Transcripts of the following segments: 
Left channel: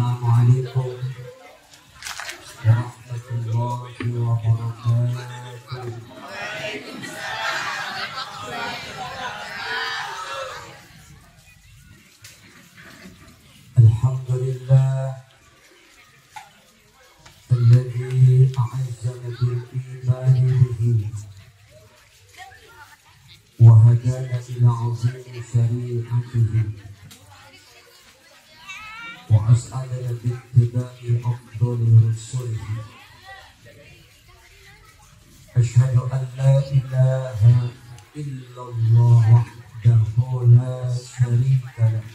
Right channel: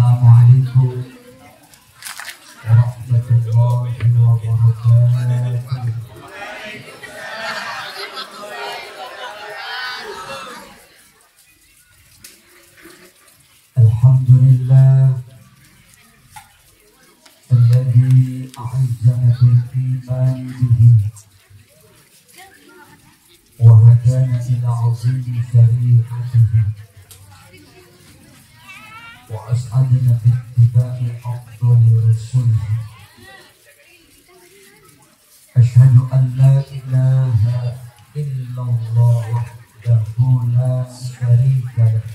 Assalamualaikum warahmatullahi wabarakatuh. Alhamdulillah alladzi a'azzana bil imani bihi wa hadana ila 'azimi syari'atihi wa as'adana bi ittiba'i afdali rusulihi. Asyhadu an la ilaha illallah wahdahu la syarika lah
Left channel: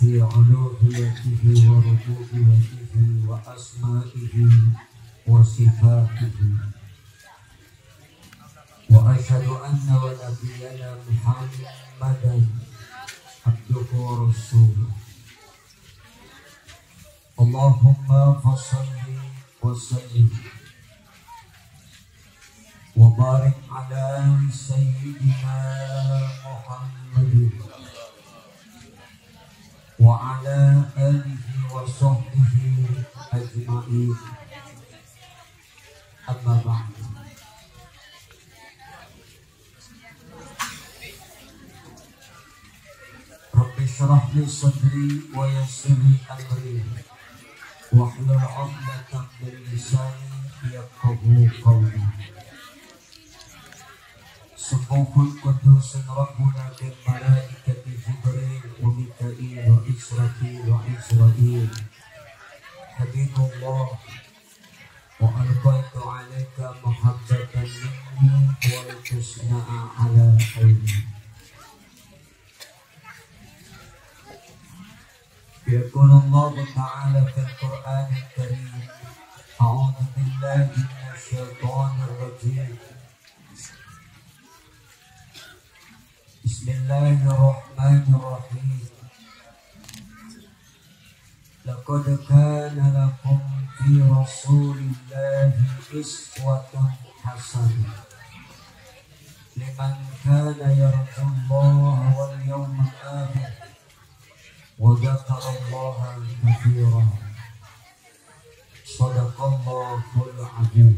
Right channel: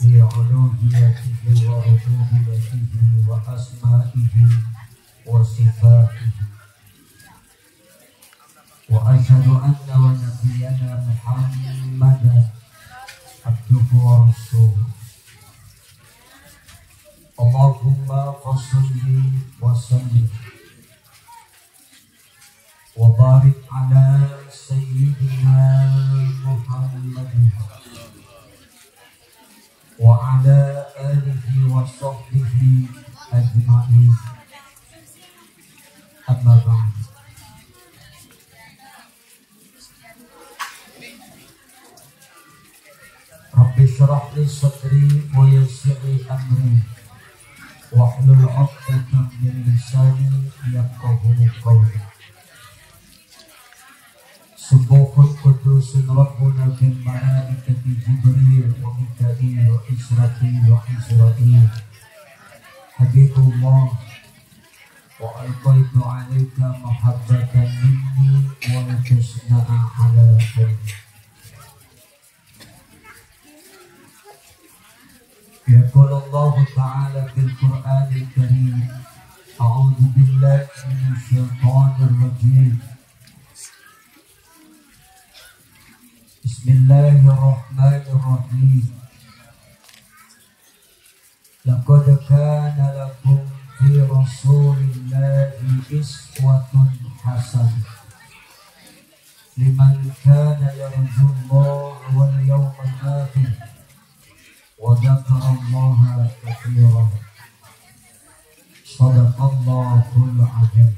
fi 'uluhiyyatihi wa rububiyyatihi wa asma'ihi wa sifatihi. Wa asyhadu anna wa nabiyyana Muhammadan abduhu wa rasuluh. Allahumma fassalli wa sallim wa barik ala sayyidina Muhammadin wa ala alihi wa sahbihi ajma'in. Amma ba'd. Rabbi shrah li sadri wa yassir li amri wahlul 'uqdatam min lisani yafqahu qawli. Subuhul qudus rabbuna bil malaikati Jibril wa Mika'il wa Israfil wa Israil. Habibullah wa alqaitu 'alaika mahabbatan minni wa tusna'a 'ala ayni. يقول الله تعالى في القرآن الكريم أعوذ بالله من الشيطان الرجيم بسم الله الرحمن الرحيم لقد كان لكم في رسول الله أسوة حسنة لمن كان يرجو الله واليوم الآخر وذكر الله كثيرا. صدق الله العظيم.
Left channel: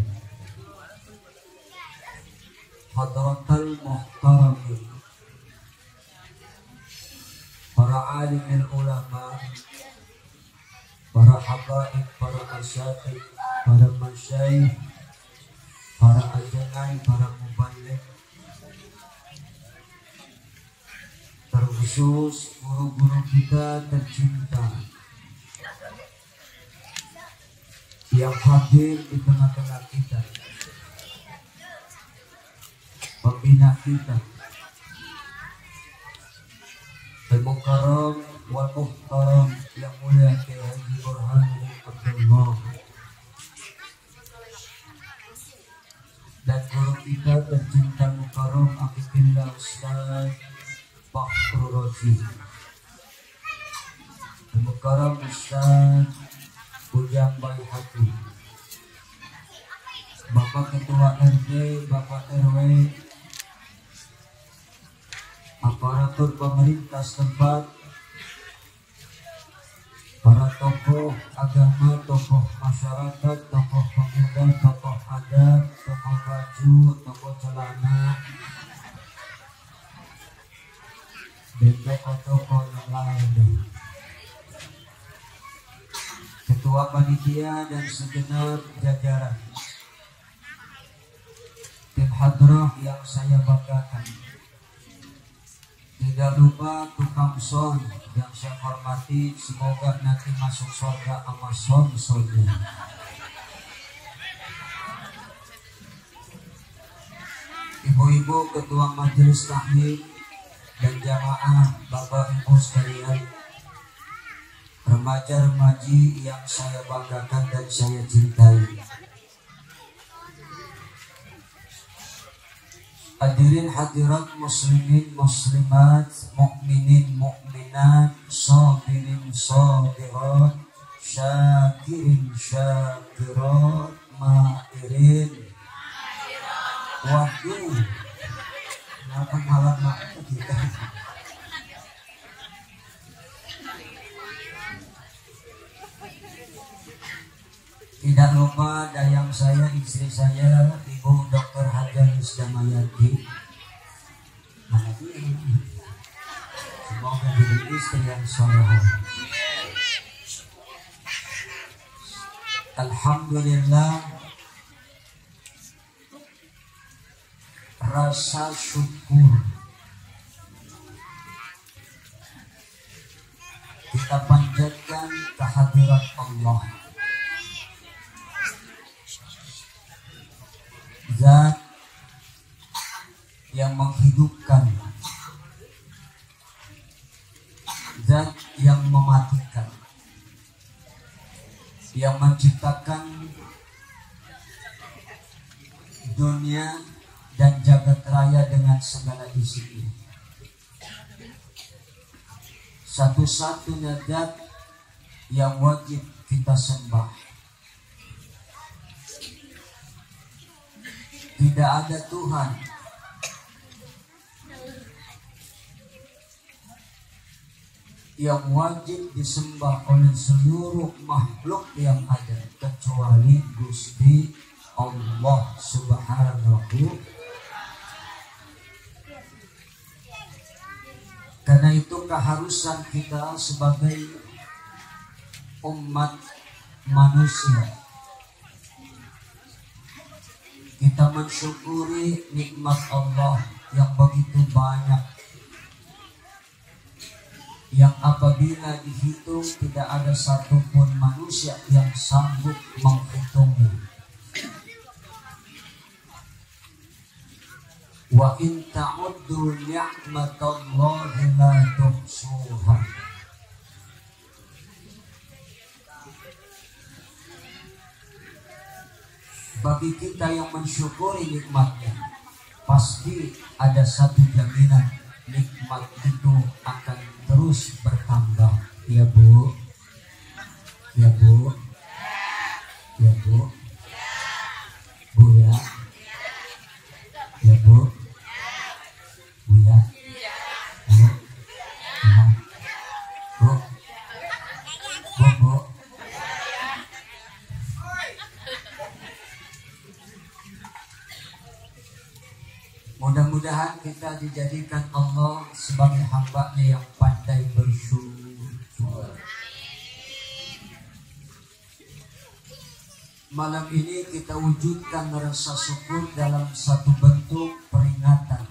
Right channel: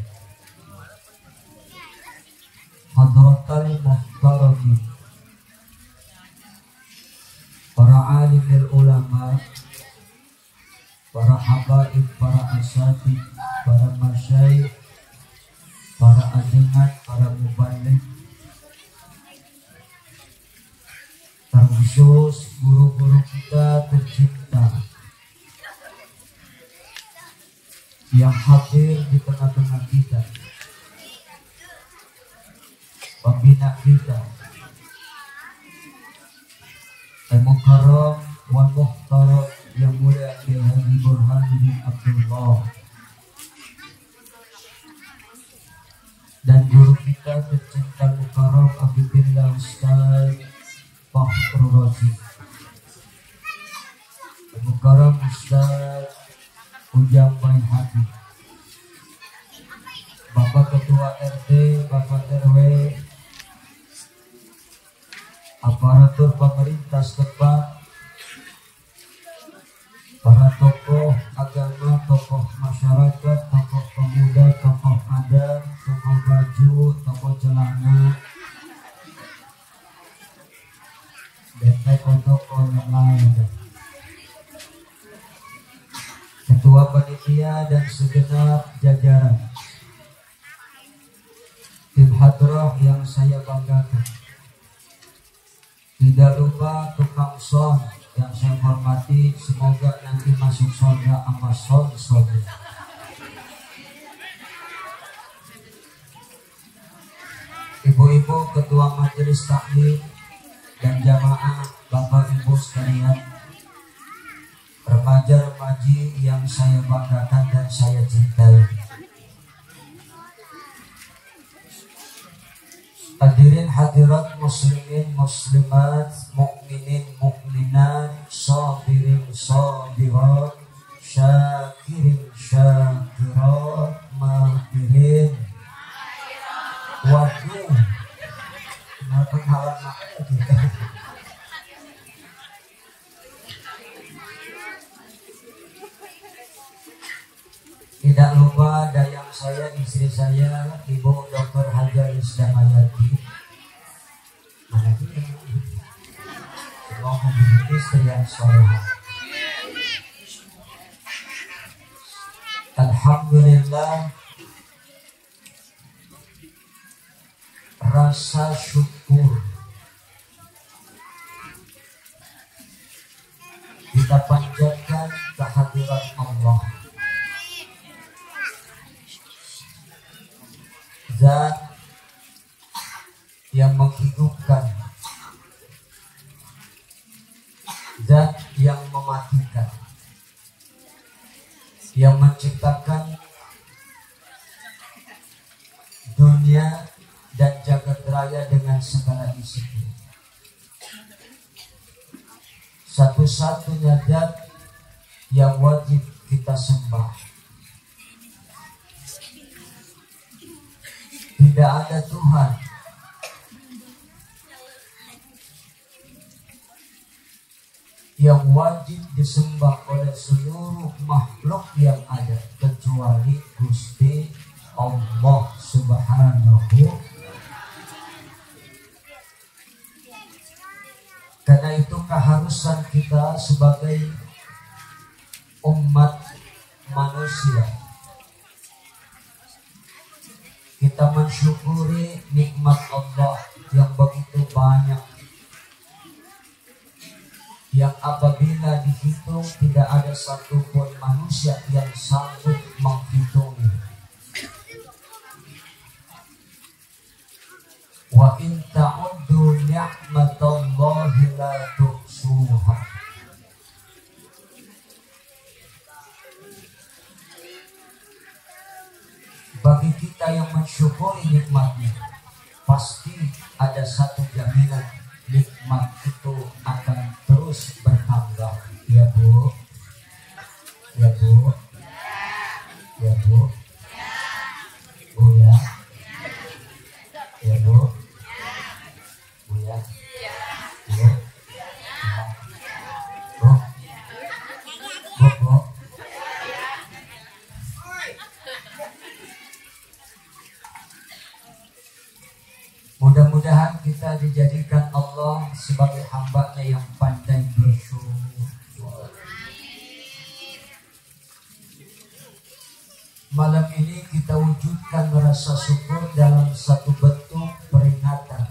Hadratal muhtaramin, para alimil ulama, para habaib, para asyatid, para masyayikh, para ajengan, para mubaligh, terkhusus guru-guru kita tercinta yang hadir di tengah-tengah kita, pembina kita, al-mukarram wal muhtaram yang mulia Kiai Haji Burhanuddin Abdullah, dan guru kita tercinta mukarram Abibillah Ustaz Fakhrul Razi, Mukarram Ustaz Ujang Baihaqi, Bapak Ketua RT, Bapak RW, aparatur pemerintah setempat, para tokoh agama, tokoh masyarakat, tokoh pemuda, tokoh adat, tokoh baju, tokoh celana, dan tokoh-tokoh yang lain, ketua panitia dan segenap jajaran tim hadrah yang saya banggakan, tidak lupa tukang son yang saya hormati, semoga nanti masuk surga sama son-sonnya. Ibu-ibu ketua majelis taklim dan jamaah, Bapak Ibu sekalian, remaja-remaji yang saya banggakan dan saya cintai, hadirin hadirat muslimin muslimat, mukminin mukminat, sabirin sabirat, syakirin syakirat, mahirin wakil. Kenapa ngalah makna kita? Tidak lupa dayang saya, istri saya, Ibu Dr. Hajar Isdamayati. Semoga menjadi istri yang salehah. Alhamdulillah, rasa syukur kita panjatkan kehadirat Allah, Zat yang menghidupkan, Zat yang mematikan, yang menciptakan dunia dan jagat raya dengan segala isinya. Satu-satunya Zat yang wajib kita sembah. Tidak ada Tuhan yang wajib disembah oleh seluruh makhluk yang ada kecuali Gusti Allah Subhanahu. Karena itu keharusan kita sebagai umat manusia, kita mensyukuri nikmat Allah yang begitu banyak, yang apabila dihitung tidak ada satupun manusia yang sanggup menghitungnya. Wa in ta'uddu ni'matallahi la tuhsuha. Bagi kita yang mensyukuri nikmatnya, pasti ada satu jaminan, nikmat itu akan terus bertambah. Ya Bu, ya Bu, ya Bu, Bu ya, ya Bu, Bu ya, Bu, ya, Bu, Bu, Bu. Mudah-mudahan kita dijadikan Allah sebagai hamba-Nya yang pandai bersyukur. Malam ini kita wujudkan rasa syukur dalam satu bentuk peringatan,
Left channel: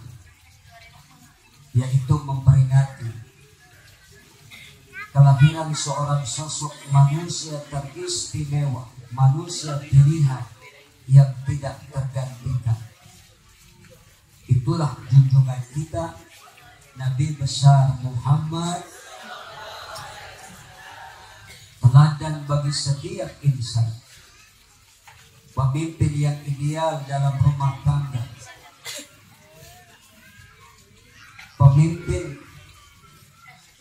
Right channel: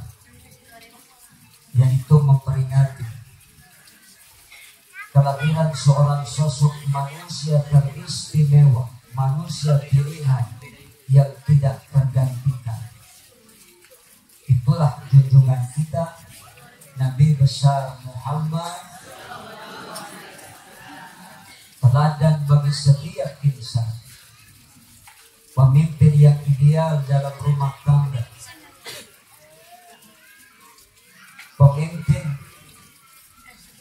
yaitu memperingati kelahiran seorang sosok manusia teristimewa, manusia pilihan yang tidak tergantikan. Itulah junjungan kita, Nabi besar Muhammad, teladan bagi setiap insan, pemimpin yang ideal dalam rumah tangga, pemimpin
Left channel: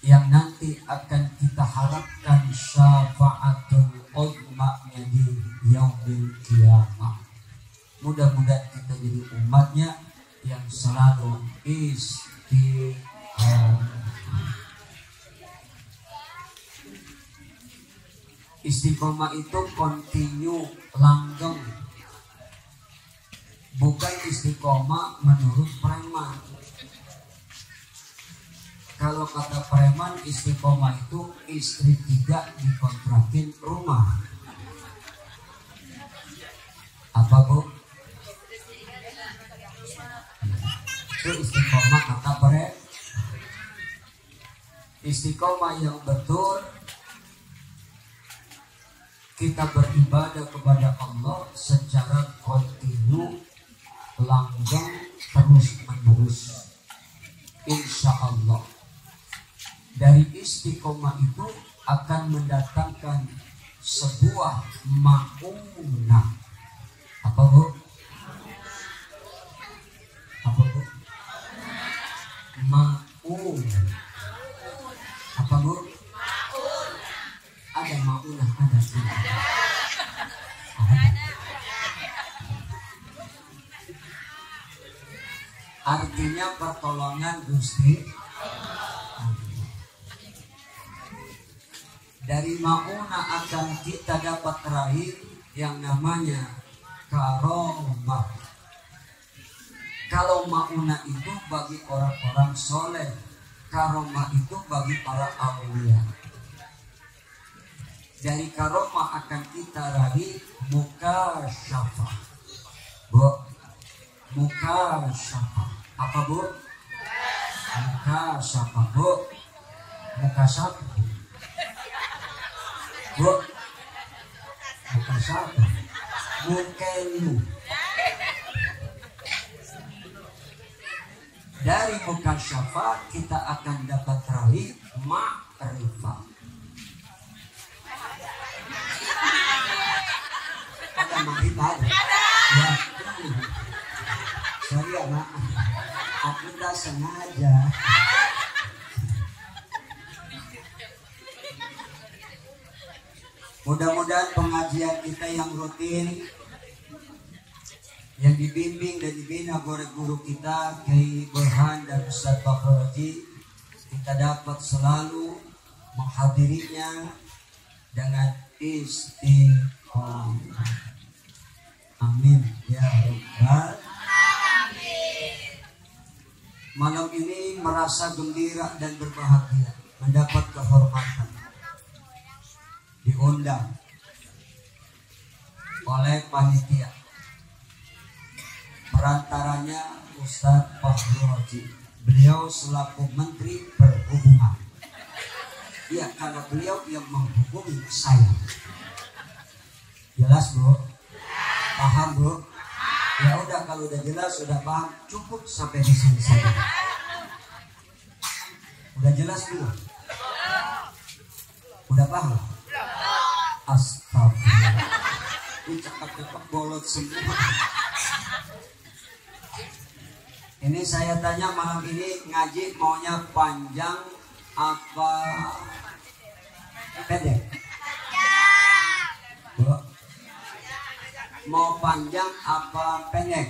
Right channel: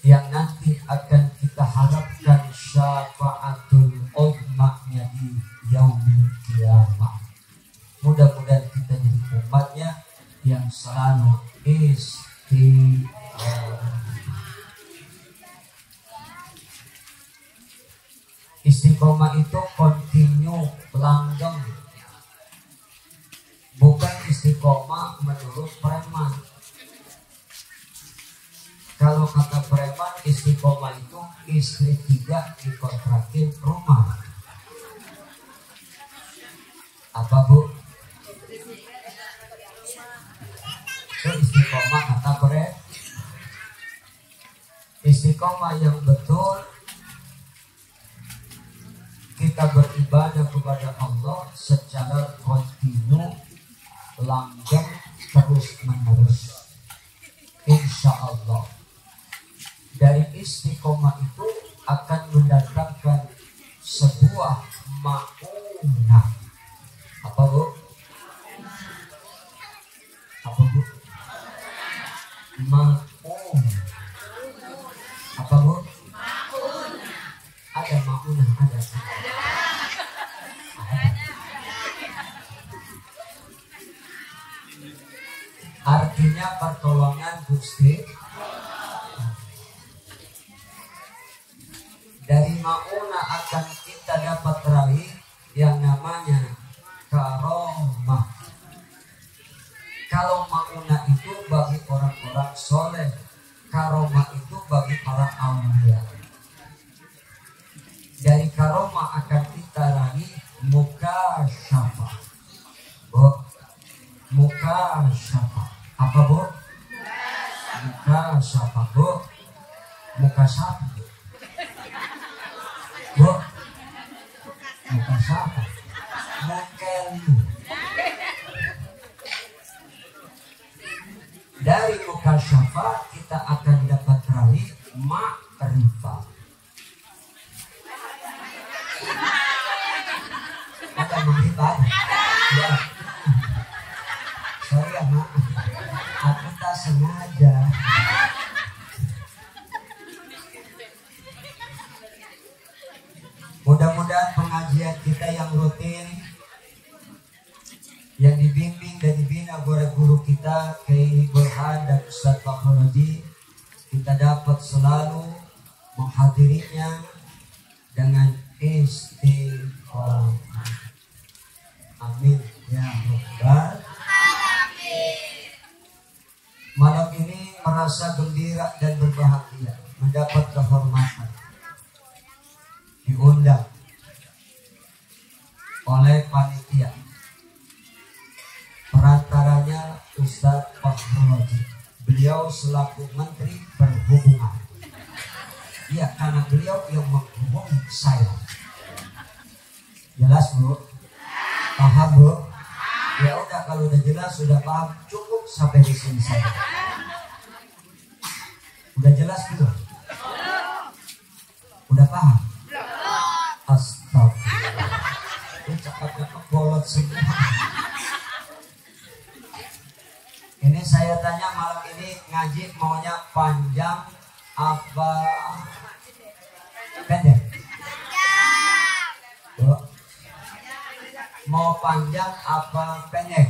yang nanti akan kita harapkan syafaatul uzma-Nya di yaumil qiyamah. Mudah-mudahan kita jadi umatnya yang selalu istiqomah. Istiqomah itu continue, langgeng. Bukan istiqomah menurut preman. Kalau kata preman, istiqomah itu istri 3 dikontrakin rumah. Apa Bu? Itu istiqomah kata preman. Istiqomah yang betul, kita beribadah kepada Allah secara kontinu, langgeng, terus menerus. Insya Allah dari istiqomah itu akan mendatangkan sebuah maunah. Apa Bu? Apa Bu? Maun. Apa Bu? Ada maunah, ada sih. Artinya pertolongan Gusti. Dari mauna akan kita dapat raih yang namanya karomah. Kalau mauna itu bagi orang-orang soleh, karomah itu bagi para aulia. Dari karomah akan kita raih mukasyafah. Bu, mukasyafah. Apa bu? Mukasyafah bu. Mukasyafah bu. Bu, mukasyafah. Mukelu. Dari mukasyafah kita akan dapat raih ma'rifah. Ada ma'rifah? Ya. Sorry ya mak, aku tak sengaja. Mudah-mudahan pengajian kita yang rutin, yang dibimbing dan dibina oleh guru kita Kiai Burhan dan Ustaz Fakhruddin, kita dapat selalu menghadirinya dengan istiqomah. Amin ya rabbal alamin. Malam ini merasa gembira dan berbahagia mendapat kehormatan diundang oleh panitia, perantaranya Ustadz Fakhruddin. Beliau selaku Menteri Perhubungan. Ya, karena beliau yang menghubungi saya. Jelas bu? Paham bu? Ya udah, kalau udah jelas, udah paham, cukup sampai di sini saja. Udah jelas belum? Udah paham? Astagfirullah. Ini cakap-cakap bolot semua. Ini saya tanya malam ini ngaji maunya panjang apa pendek? Bu, mau panjang apa pendek?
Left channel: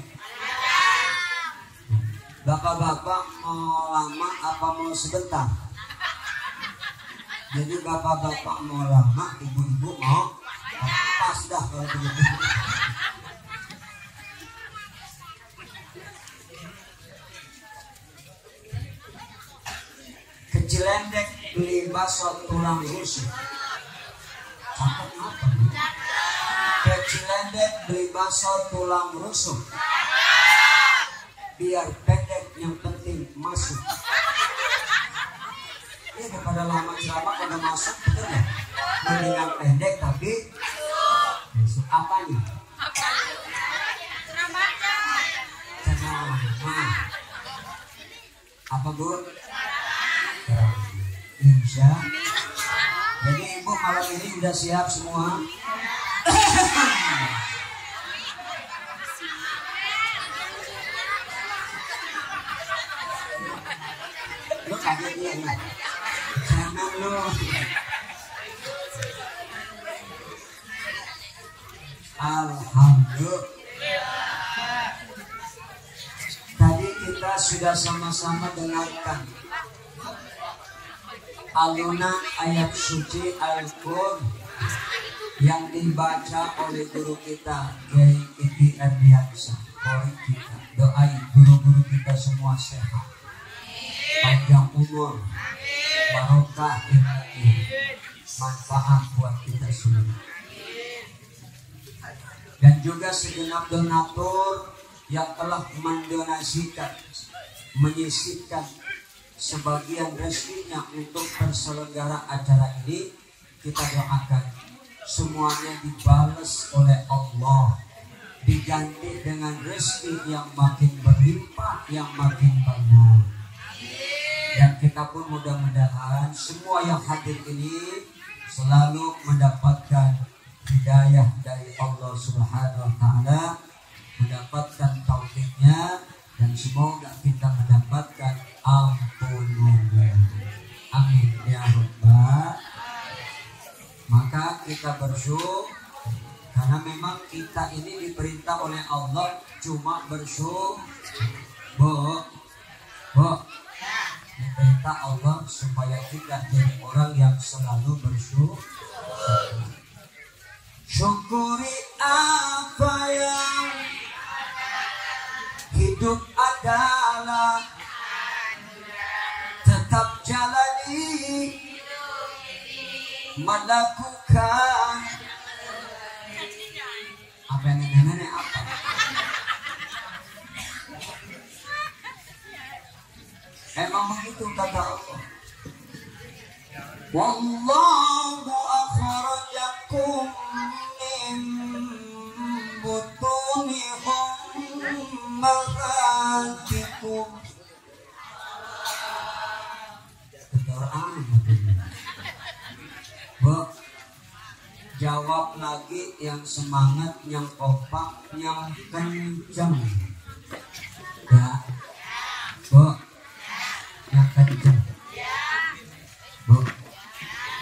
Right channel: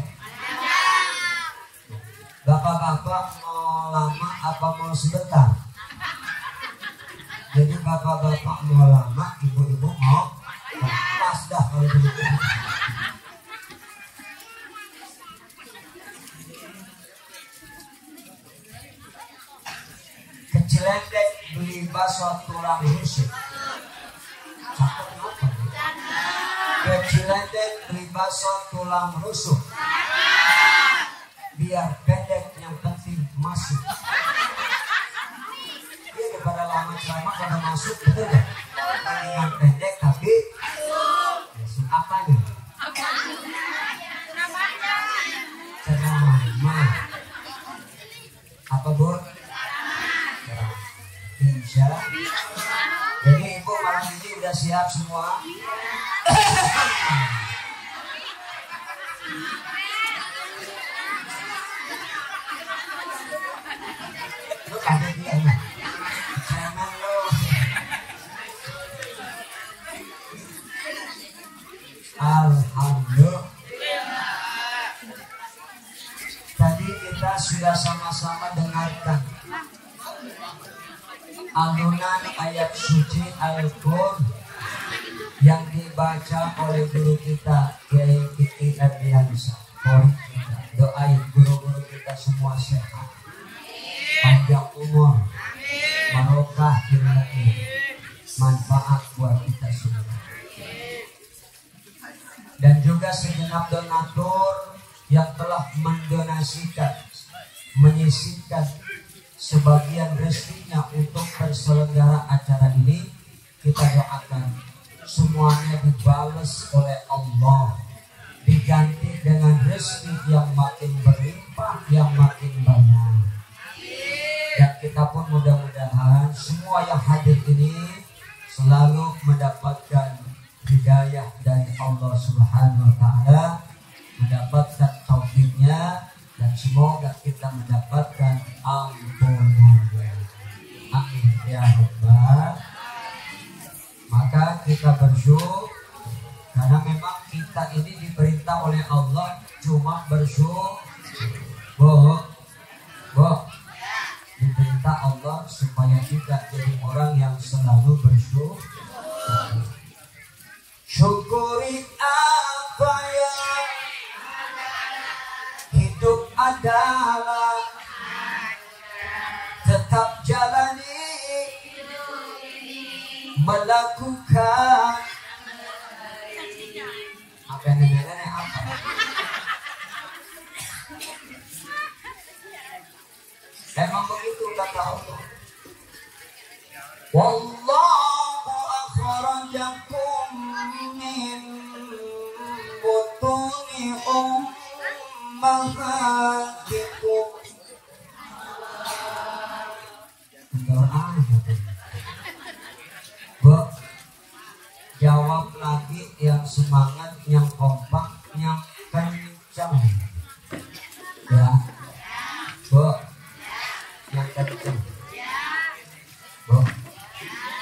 Bapak-bapak mau lama apa mau sebentar? Jadi bapak-bapak mau lama, ibu-ibu mau pas dah kalau begitu. Kecilendek beli bakso tulang rusuk. Cakep apa nih? Kecilendek beli bakso tulang rusuk. Biar pendek, yang penting masuk. Ini daripada lama ceramah kalau masuk, betul ya? Mendingan pendek tapi masuk. Apanya? Ceramah. Apa bu? Insya. Jadi ibu malam ini udah siap semua? Lu kaget dia nih. Jangan lu. Alhamdulillah. Tadi kita sudah sama-sama dengarkan alunan ayat suci Al-Qur'an yang dibaca oleh guru kita Kiai Kiti Erdiansyah. Kori kita doain guru-guru kita semua sehat, panjang umur, barokah ilmu, manfaat buat kita semua. Dan juga segenap donatur yang telah mendonasikan, menyisihkan sebagian rezekinya untuk terselenggara acara ini, kita doakan semuanya dibalas oleh Allah, diganti dengan rezeki yang makin berlimpah, yang makin banyak. Dan kita pun mudah-mudahan semua yang hadir ini selalu mendapatkan hidayah dari Allah Subhanahu wa Ta'ala, mendapatkan taufiknya, dan semoga kita mendapatkan ampunannya. Amin ya rabbal. Maka kita bersyukur karena memang kita ini diperintah oleh Allah cuma bersyukur. Diperintah Allah supaya kita jadi orang yang selalu bersyukur. Syukuri melakukan apa yang nenek apa? Emang begitu kata Allah. Wallahu akhrajakum min butuni ummahatikum. Jawab lagi yang semangat, yang kompak, yang kencang. Ya, Bu, yang kencang. Bu,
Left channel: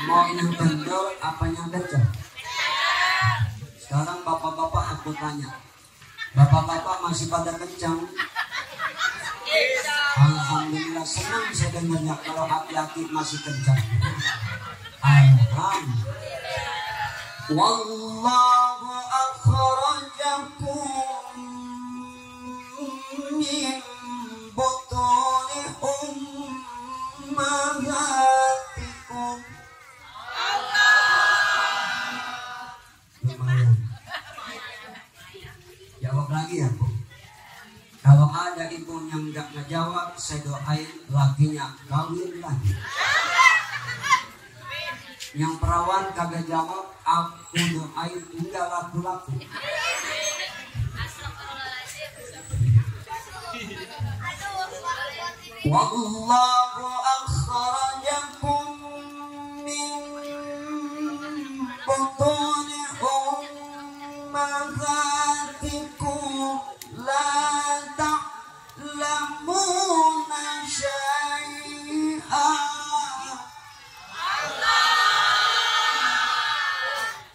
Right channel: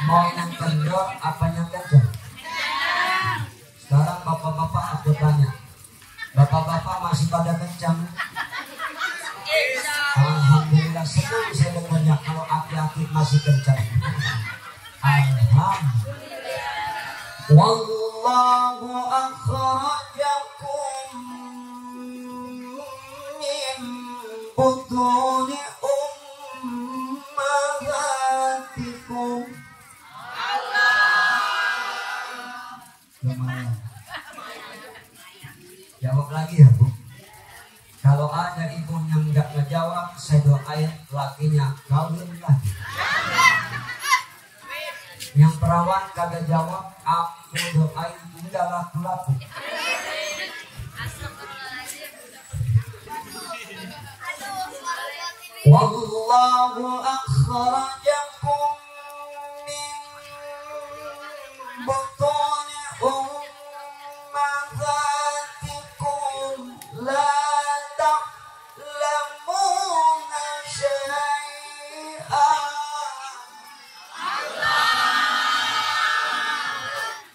mau yang kendor apa yang kencang? Sekarang bapak-bapak aku tanya, bapak-bapak masih pada kencang? Alhamdulillah, senang saya dengarnya kalau aki-aki masih kencang. Alhamdulillah. Wallahu akhrajakum min butuni ummahatikum. Lumayan. Jawab lagi ya, Bu. Kalau ada ibu yang nggak ngejawab, saya doain lakinya kawin lagi. Yang perawan kagak jawab, aku doain enggak laku-laku. Wallahu akhrajakum min butuni ummahatikum la ta'lamuna syai'an.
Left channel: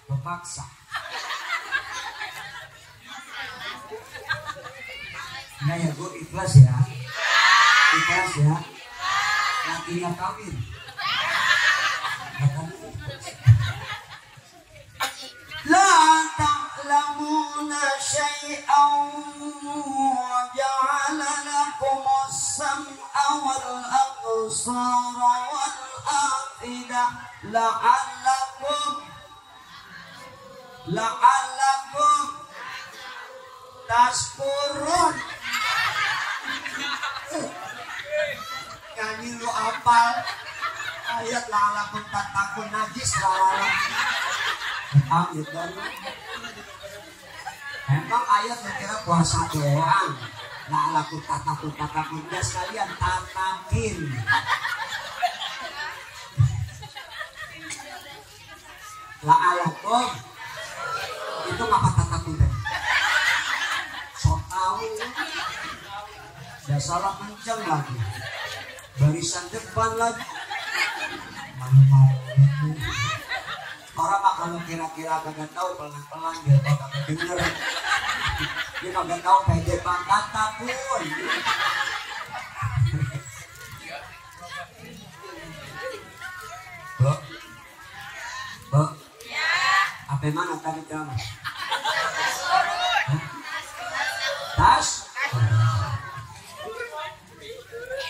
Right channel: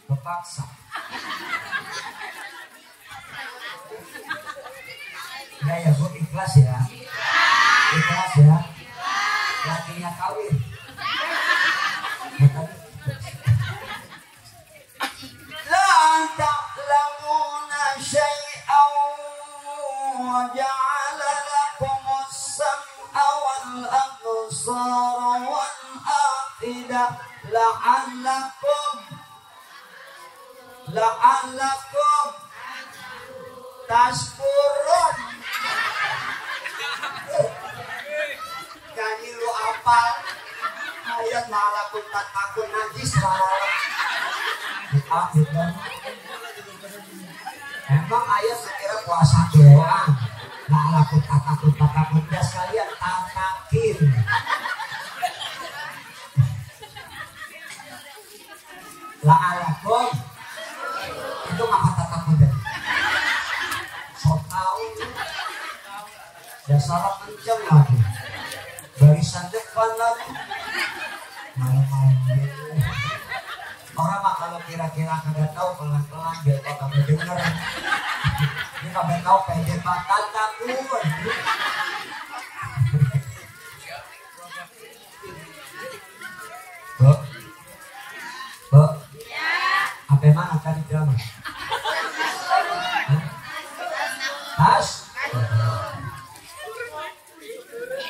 Kepaksa. Nah ya Bu, ikhlas ya. Ikhlas ya. Lakinya kawin. La ta'lamuna syai'an wa ja'ala lakumus sam'a wal absara wal afidah la'allakum tashkurun. Nyanyi lu apal ayat la'allakum tatakun najis lah. Emang ayat kira puasa doang. La'allakum tatakun dah sekalian tatakin. La'allakum itu ngapa tatakun deh? So tau dasar kenceng lagi, barisan depan lagi. Orang mah kalau kira-kira kagak tahu pelan-pelan biar kau kagak denger. Dia kagak tahu pede banget takun. Bu, apa mana tadi kamu? Tas?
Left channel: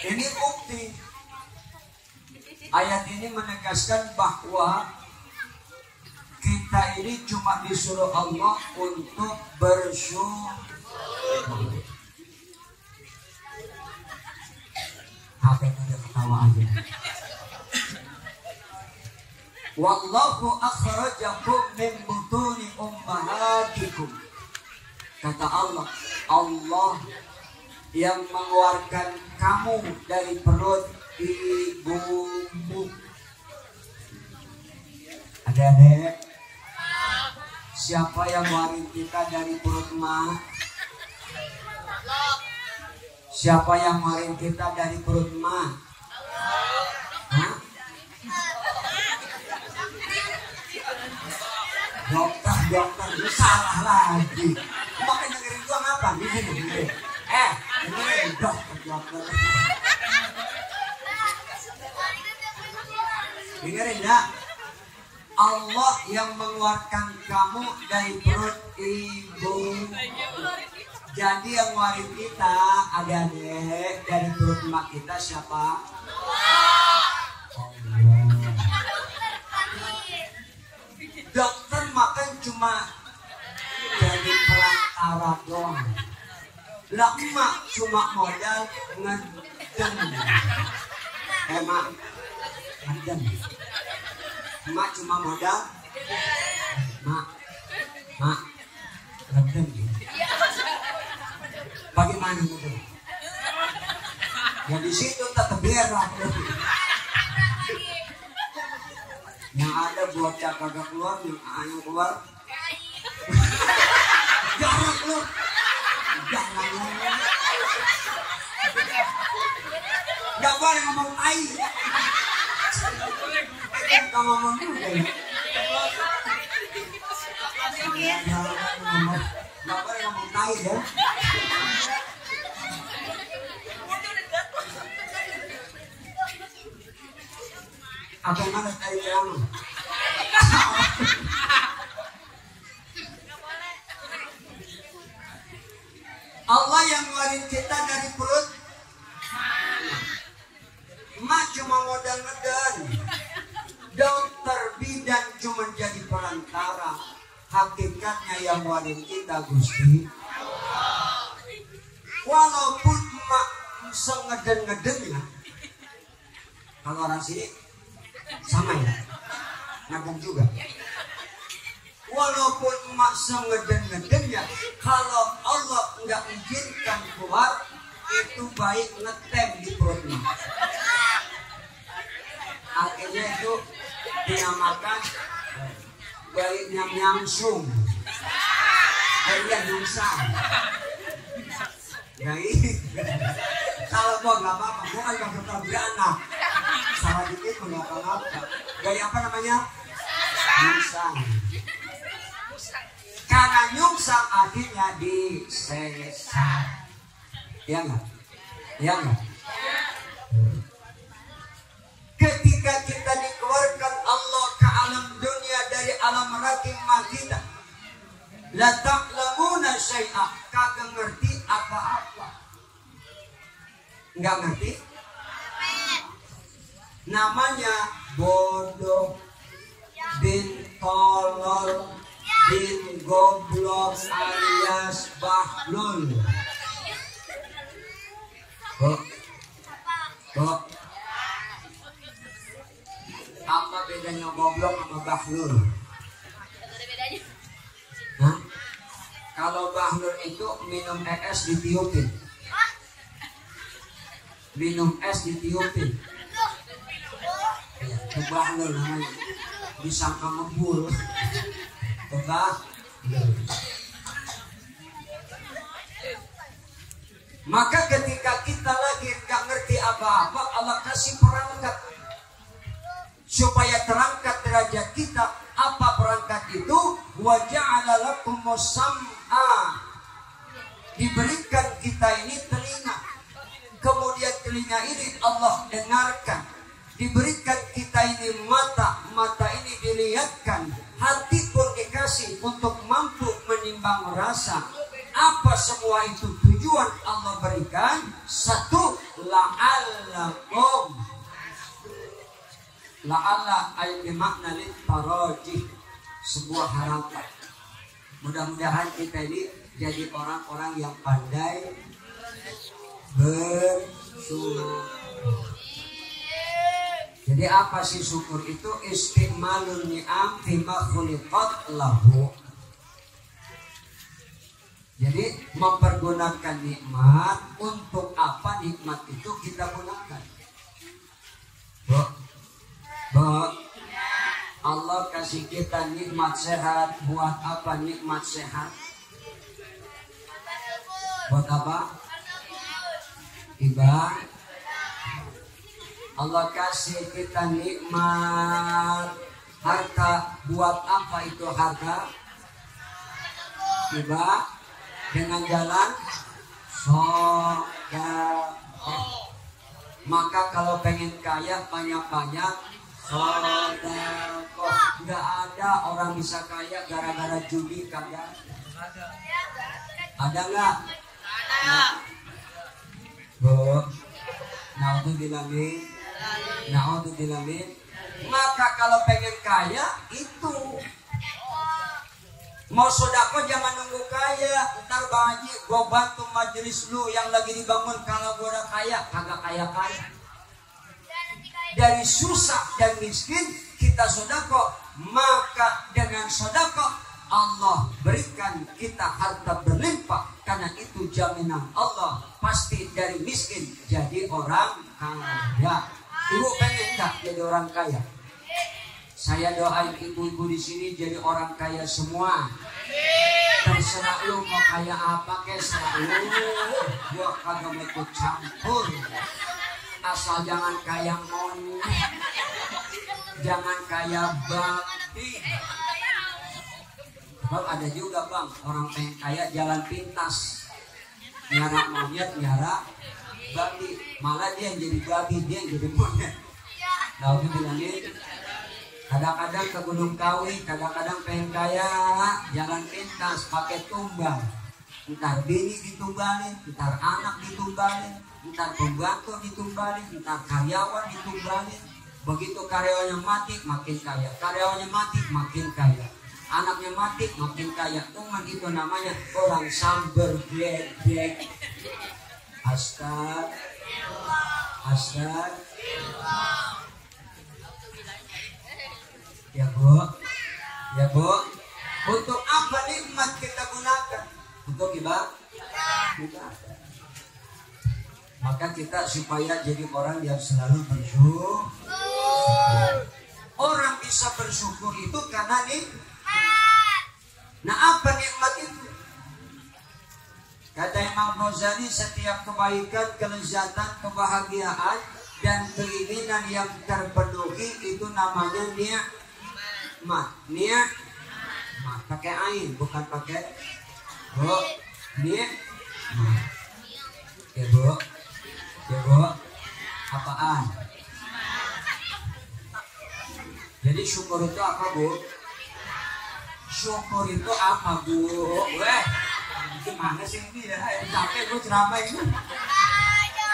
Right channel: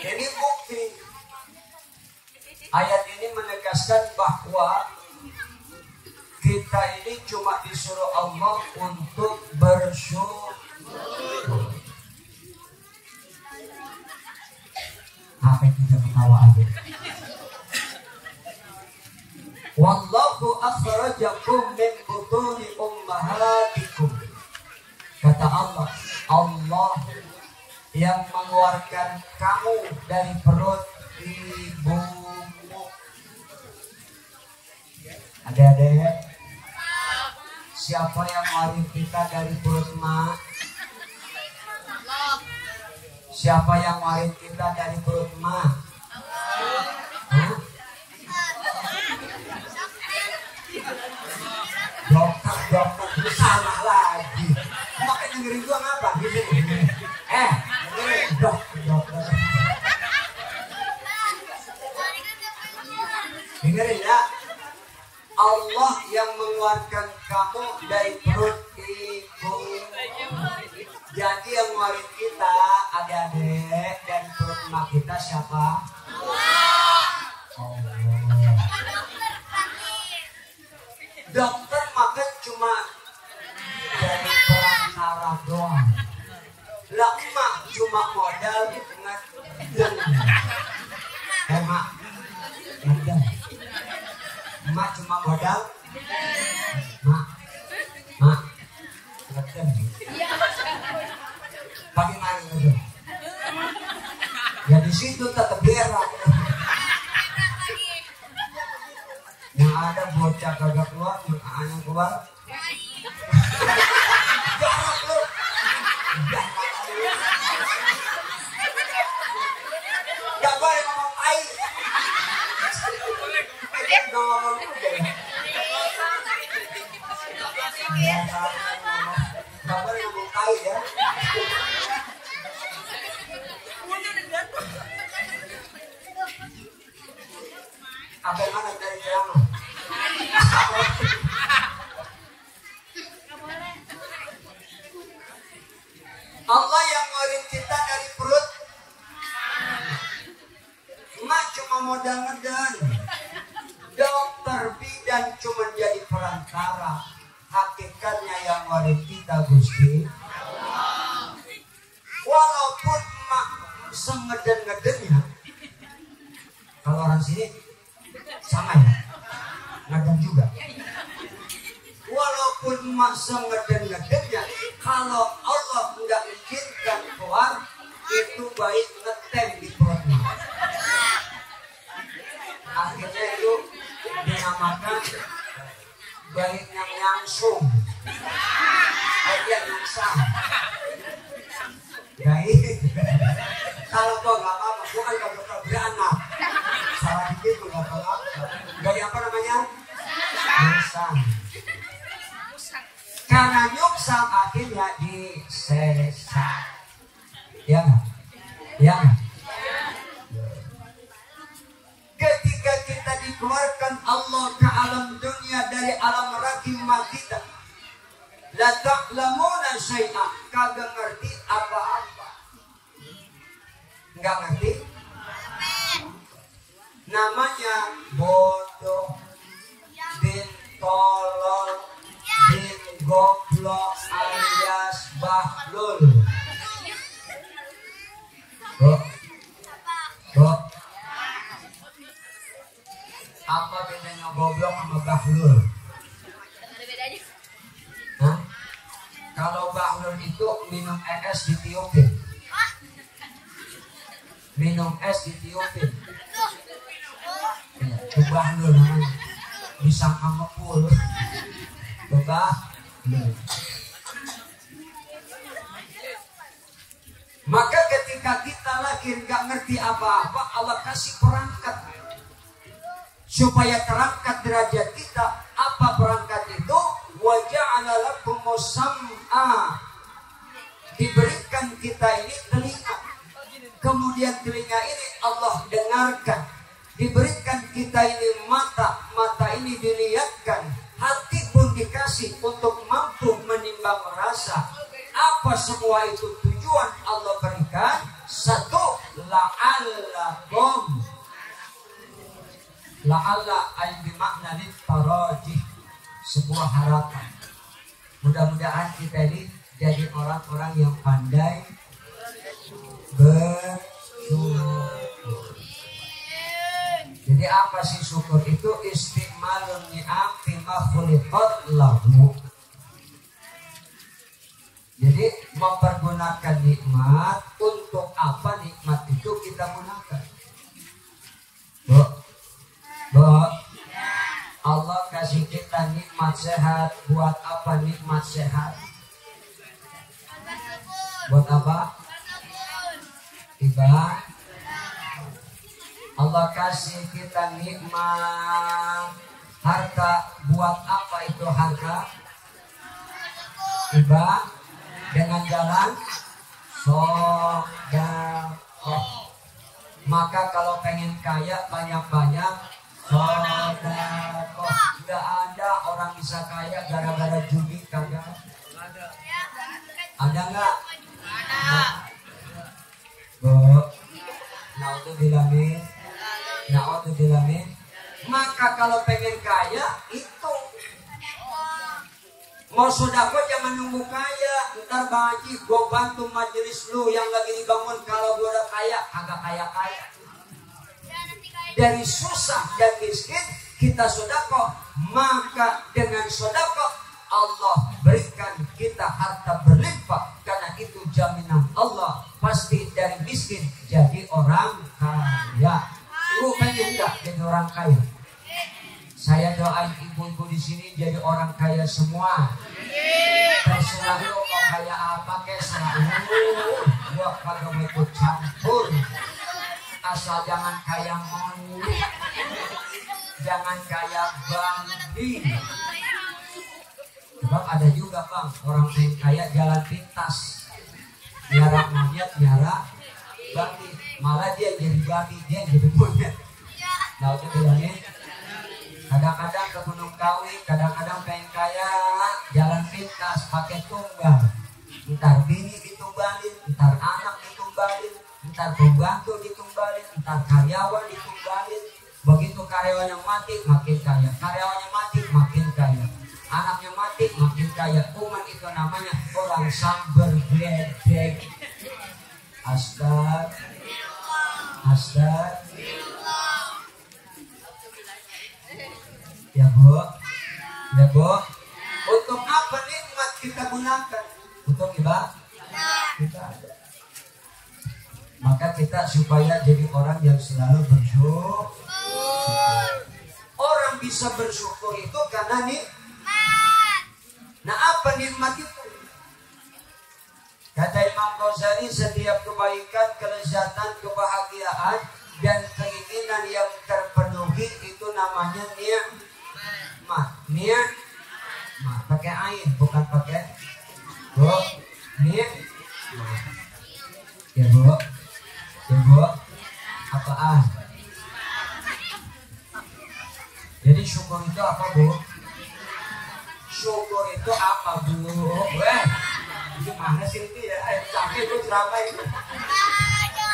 Ini bukti. Ayat ini menegaskan bahwa kita ini cuma disuruh Allah untuk bersyukur. Apa yang udah ketawa aja? Wallahu akhrajakum min butuni ummahatikum. Kata Allah, Allah yang mengeluarkan kamu dari perut ibumu. Adik-adik, siapa yang ngeluarin kita dari perut emak? Siapa yang ngeluarin kita dari perut emak? Hah? Dokter, lu salah lagi. Makanya dengerin gua ngapa? Gini. Dengerin dokter. Dengerin ya. Allah yang mengeluarkan kamu dari perut ibu. Jadi yang ngeluarin kita, adik-adik, dari perut emak kita siapa? Allah. Dokter makan cuma jadi perantara doang. Lah emak cuma modal ngeden. Emak ngeden. Emak cuma modal. Mak ngeden. Bagaimana ngeden? Ya di situ tetap berak. Yang ada bocah kagak keluar, yang keluar. Jangan lu. Jangan lu. Gak boleh ngomong air. Ngomong juga ya. Gak boleh ngomong air ya. Apa yang mana tadi kamu? Allah yang ngeluarin kita dari perut. Emak cuma modal ngeden. Dokter bidan cuma jadi perantara. Hakikatnya yang ngeluarin kita Gusti. Walaupun emak sengeden-ngedennya, kalau orang sini sama ya, ngeden juga. Walaupun emak sengeden-ngedennya, kalau Allah nggak izinkan keluar, itu baik ngetem di perutnya. Akhirnya itu dinamakan baiknya nyangsung. Dia nyungsang. Baik. Kalau gua nggak apa-apa, gua kan gak bakal beranak. Salah dikit gua nggak apa-apa. Gaya apa namanya? Nyungsang. Karena nyungsang akhirnya disesat. Iya nggak? Iya nggak? Ketika kita dikeluarkan Allah ke alam dunia dari alam rahimah kita, la ta'lamuna syai'a, kagak ngerti apa-apa. Nggak ngerti? Namanya bodoh, bin tolol, bin goblok alias bahlul. Kok apa bedanya goblok sama bahlul? Hah? Kalau bahlul itu minum es ditiupin. Minum es ditiupin. Ya, itu bahlul namanya. Disangka ngebul. Bahlul. Maka ketika kita lahir gak ngerti apa-apa, Allah kasih perangkat supaya terangkat derajat kita. Apa perangkat itu? Wa ja'ala lakumus sam'a, diberikan kita ini telinga, kemudian telinga ini Allah dengarkan. Diberikan kita ini mata, mata ini dilihatkan. Hati pun dikasih untuk mampu menimbang rasa. Apa semua itu tujuan Allah berikan? Satu, la'allakum, la'alla ay bimakna litarajih, sebuah harapan. Mudah-mudahan kita ini jadi orang-orang yang pandai bersyukur. Jadi apa sih syukur itu? Istiqmalun ni'am fima khuliqat lahu. Jadi mempergunakan nikmat, untuk apa nikmat itu kita gunakan? Allah kasih kita nikmat sehat. Buat apa nikmat sehat? Buat apa? Ibadah. Allah kasih kita nikmat harta. Buat apa itu harta? Ibadah. Dengan jalan sedekah. Maka kalau pengen kaya banyak-banyak sedekah. Nggak ada orang bisa kaya gara-gara judi, kagak. Ada nggak? Ada. Naudzubillamin. Maka kalau pengen kaya itu Mau sodako jangan nunggu kaya. Ntar Bang Haji, gue bantu majelis lu yang lagi dibangun. Kalau gue udah kaya, kagak kaya-kaya. Dari susah dan miskin kita sodako, maka dengan sodako Allah berikan kita harta berlimpah. Karena itu jaminan Allah, pasti dari miskin jadi orang kaya. Ibu pengen enggak jadi orang kaya? Saya doain ibu-ibu di sini jadi orang kaya semua. Terserah lu mau kaya apa kesah lu, gua kagak mau ikut campur. Asal jangan kaya monyet, jangan kaya babi. Sebab ada juga bang orang pengen kaya jalan pintas, nyara monyet, nyara babi. Malah dia jadi babi, dia jadi monyet. Lalu bilangin, kadang-kadang ke Gunung Kawi, kadang-kadang pengen kaya, jalan pintas pakai tunggal. Ntar bini ditunggalin, ntar anak ditunggalin, ntar pembantu ditunggalin, ntar karyawan ditunggalin. Begitu karyawannya mati, makin kaya. Karyawannya mati, makin kaya. Anaknya mati, makin kaya. Umat itu namanya orang samber gledek. Astagfirullah. Ya Bu, ya Bu. Untuk apa nikmat kita gunakan? Untuk ibadah. Maka kita supaya jadi orang yang selalu bersyukur. Orang bisa bersyukur itu karena nikmat. Nah apa nikmat itu? Kata Imam Ghazali, setiap kebaikan, kelezatan, kebahagiaan dan keinginan yang terpenuhi itu namanya nikmat. Niat pakai ain bukan pakai Bu. Niat ya Bu, ya Bu, apaan? Jadi syukur itu apa Bu? Syukur itu apa Bu? Weh, gimana sih ini ya? Capek Bu ceramah ini.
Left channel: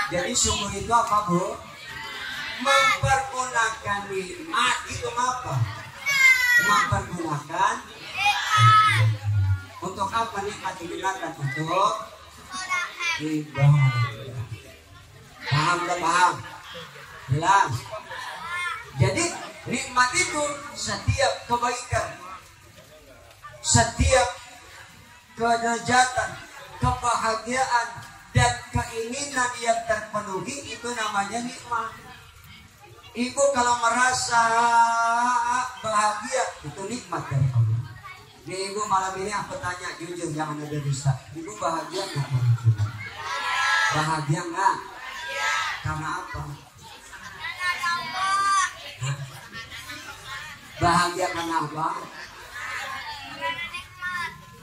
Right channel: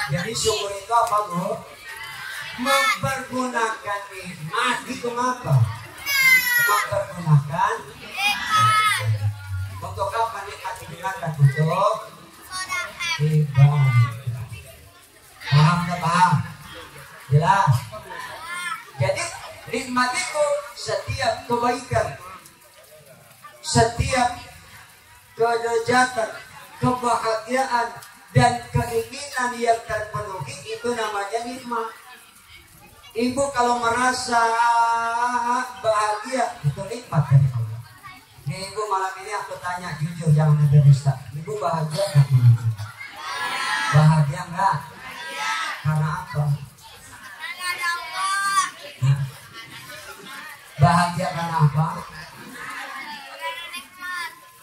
Jadi syukur itu apa Bu? Mempergunakan nikmat itu apa? Mempergunakan untuk apa nikmat digunakan? Untuk ibadah. Paham tak paham? Jelas. Jadi nikmat itu setiap kebaikan, setiap kelezatan, kebahagiaan dan keinginan yang terpenuhi itu namanya nikmat. Ibu kalau merasa bahagia itu nikmat dari Allah. Nih ibu malam ini aku tanya jujur, jangan ada dusta. Ibu bahagia nggak? Bahagia nggak? Karena apa? Nah, bahagia karena apa?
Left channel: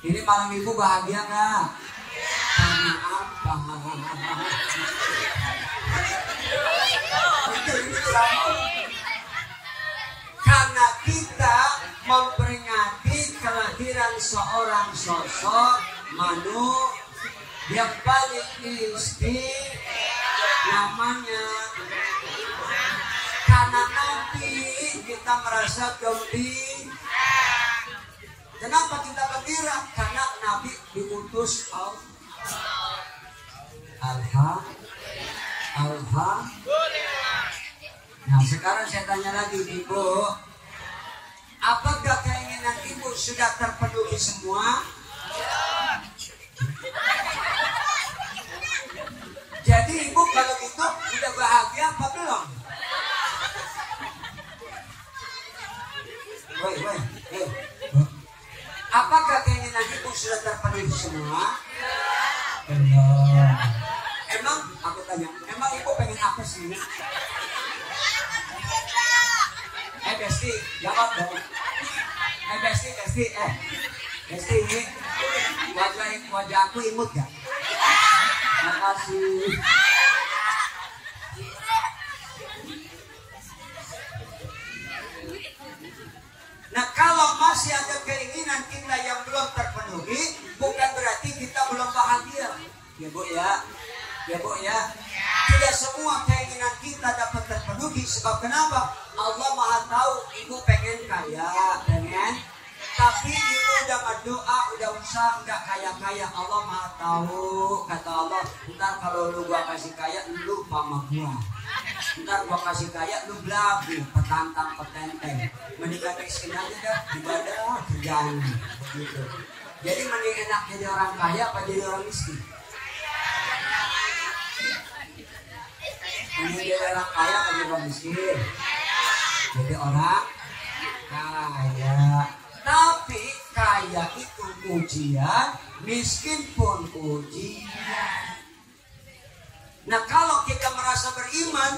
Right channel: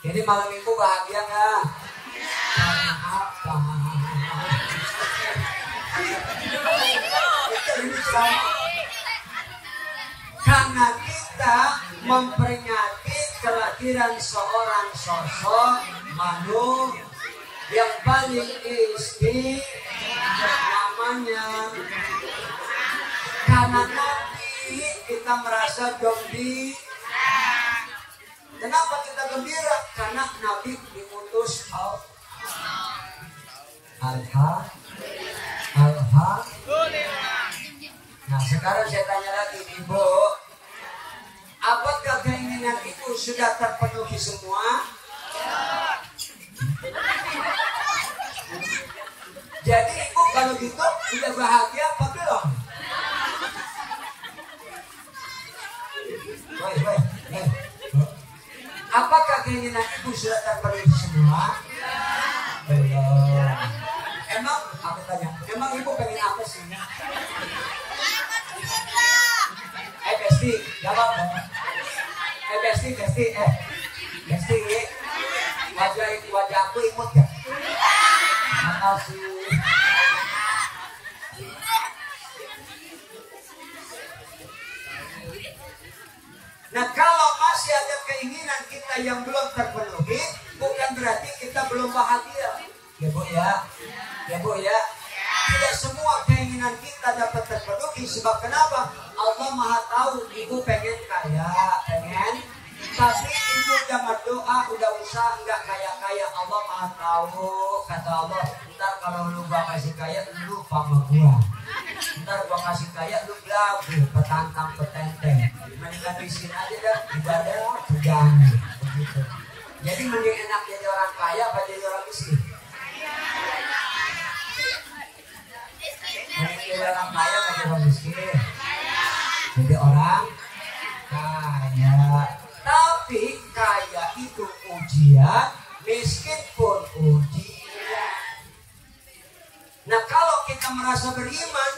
Ini malam ibu bahagia nggak? Karena apa? Karena kita memperingati kelahiran seorang sosok manusia yang paling istimewa, namanya karena Nabi kita merasa gembira. Kenapa kita gembira? Karena Nabi diutus Alhamdulillah. Nah sekarang saya tanya lagi Ibu, apakah keinginan Ibu sudah terpenuhi semua? Jadi Ibu kalau gitu udah bahagia apa belum? Apakah keinginan Ibu sudah terpenuhi semua? Belum. Emang aku tanya, emang Ibu pengen apa sih? Besti, jawab dong. Besti, wajah aku imut gak? Makasih. Nah kalau masih ada keinginan kita yang belum terpenuhi, bukan berarti kita belum bahagia. Ya Bu ya, ya Bu ya. Tidak semua keinginan kita dapat terpenuhi. Sebab kenapa? Allah Maha tahu Ibu pengen kaya, pengen. Tapi Ibu udah berdoa kaya? Allah Maha tahu. Kata Allah, ntar kalau lu gua kasih kaya, lu sama gua. Ntar gua kasih kaya, lu belagu, petantang petenteng. Mendingan miskin aja dah, ibadah terganggu. Begitu. Jadi mending enak jadi orang kaya apa jadi orang miskin? Mending jadi orang kaya apa jadi orang miskin? Jadi orang kaya. Tapi kaya itu ujian, miskin pun ujian. Nah kalau kita merasa beriman,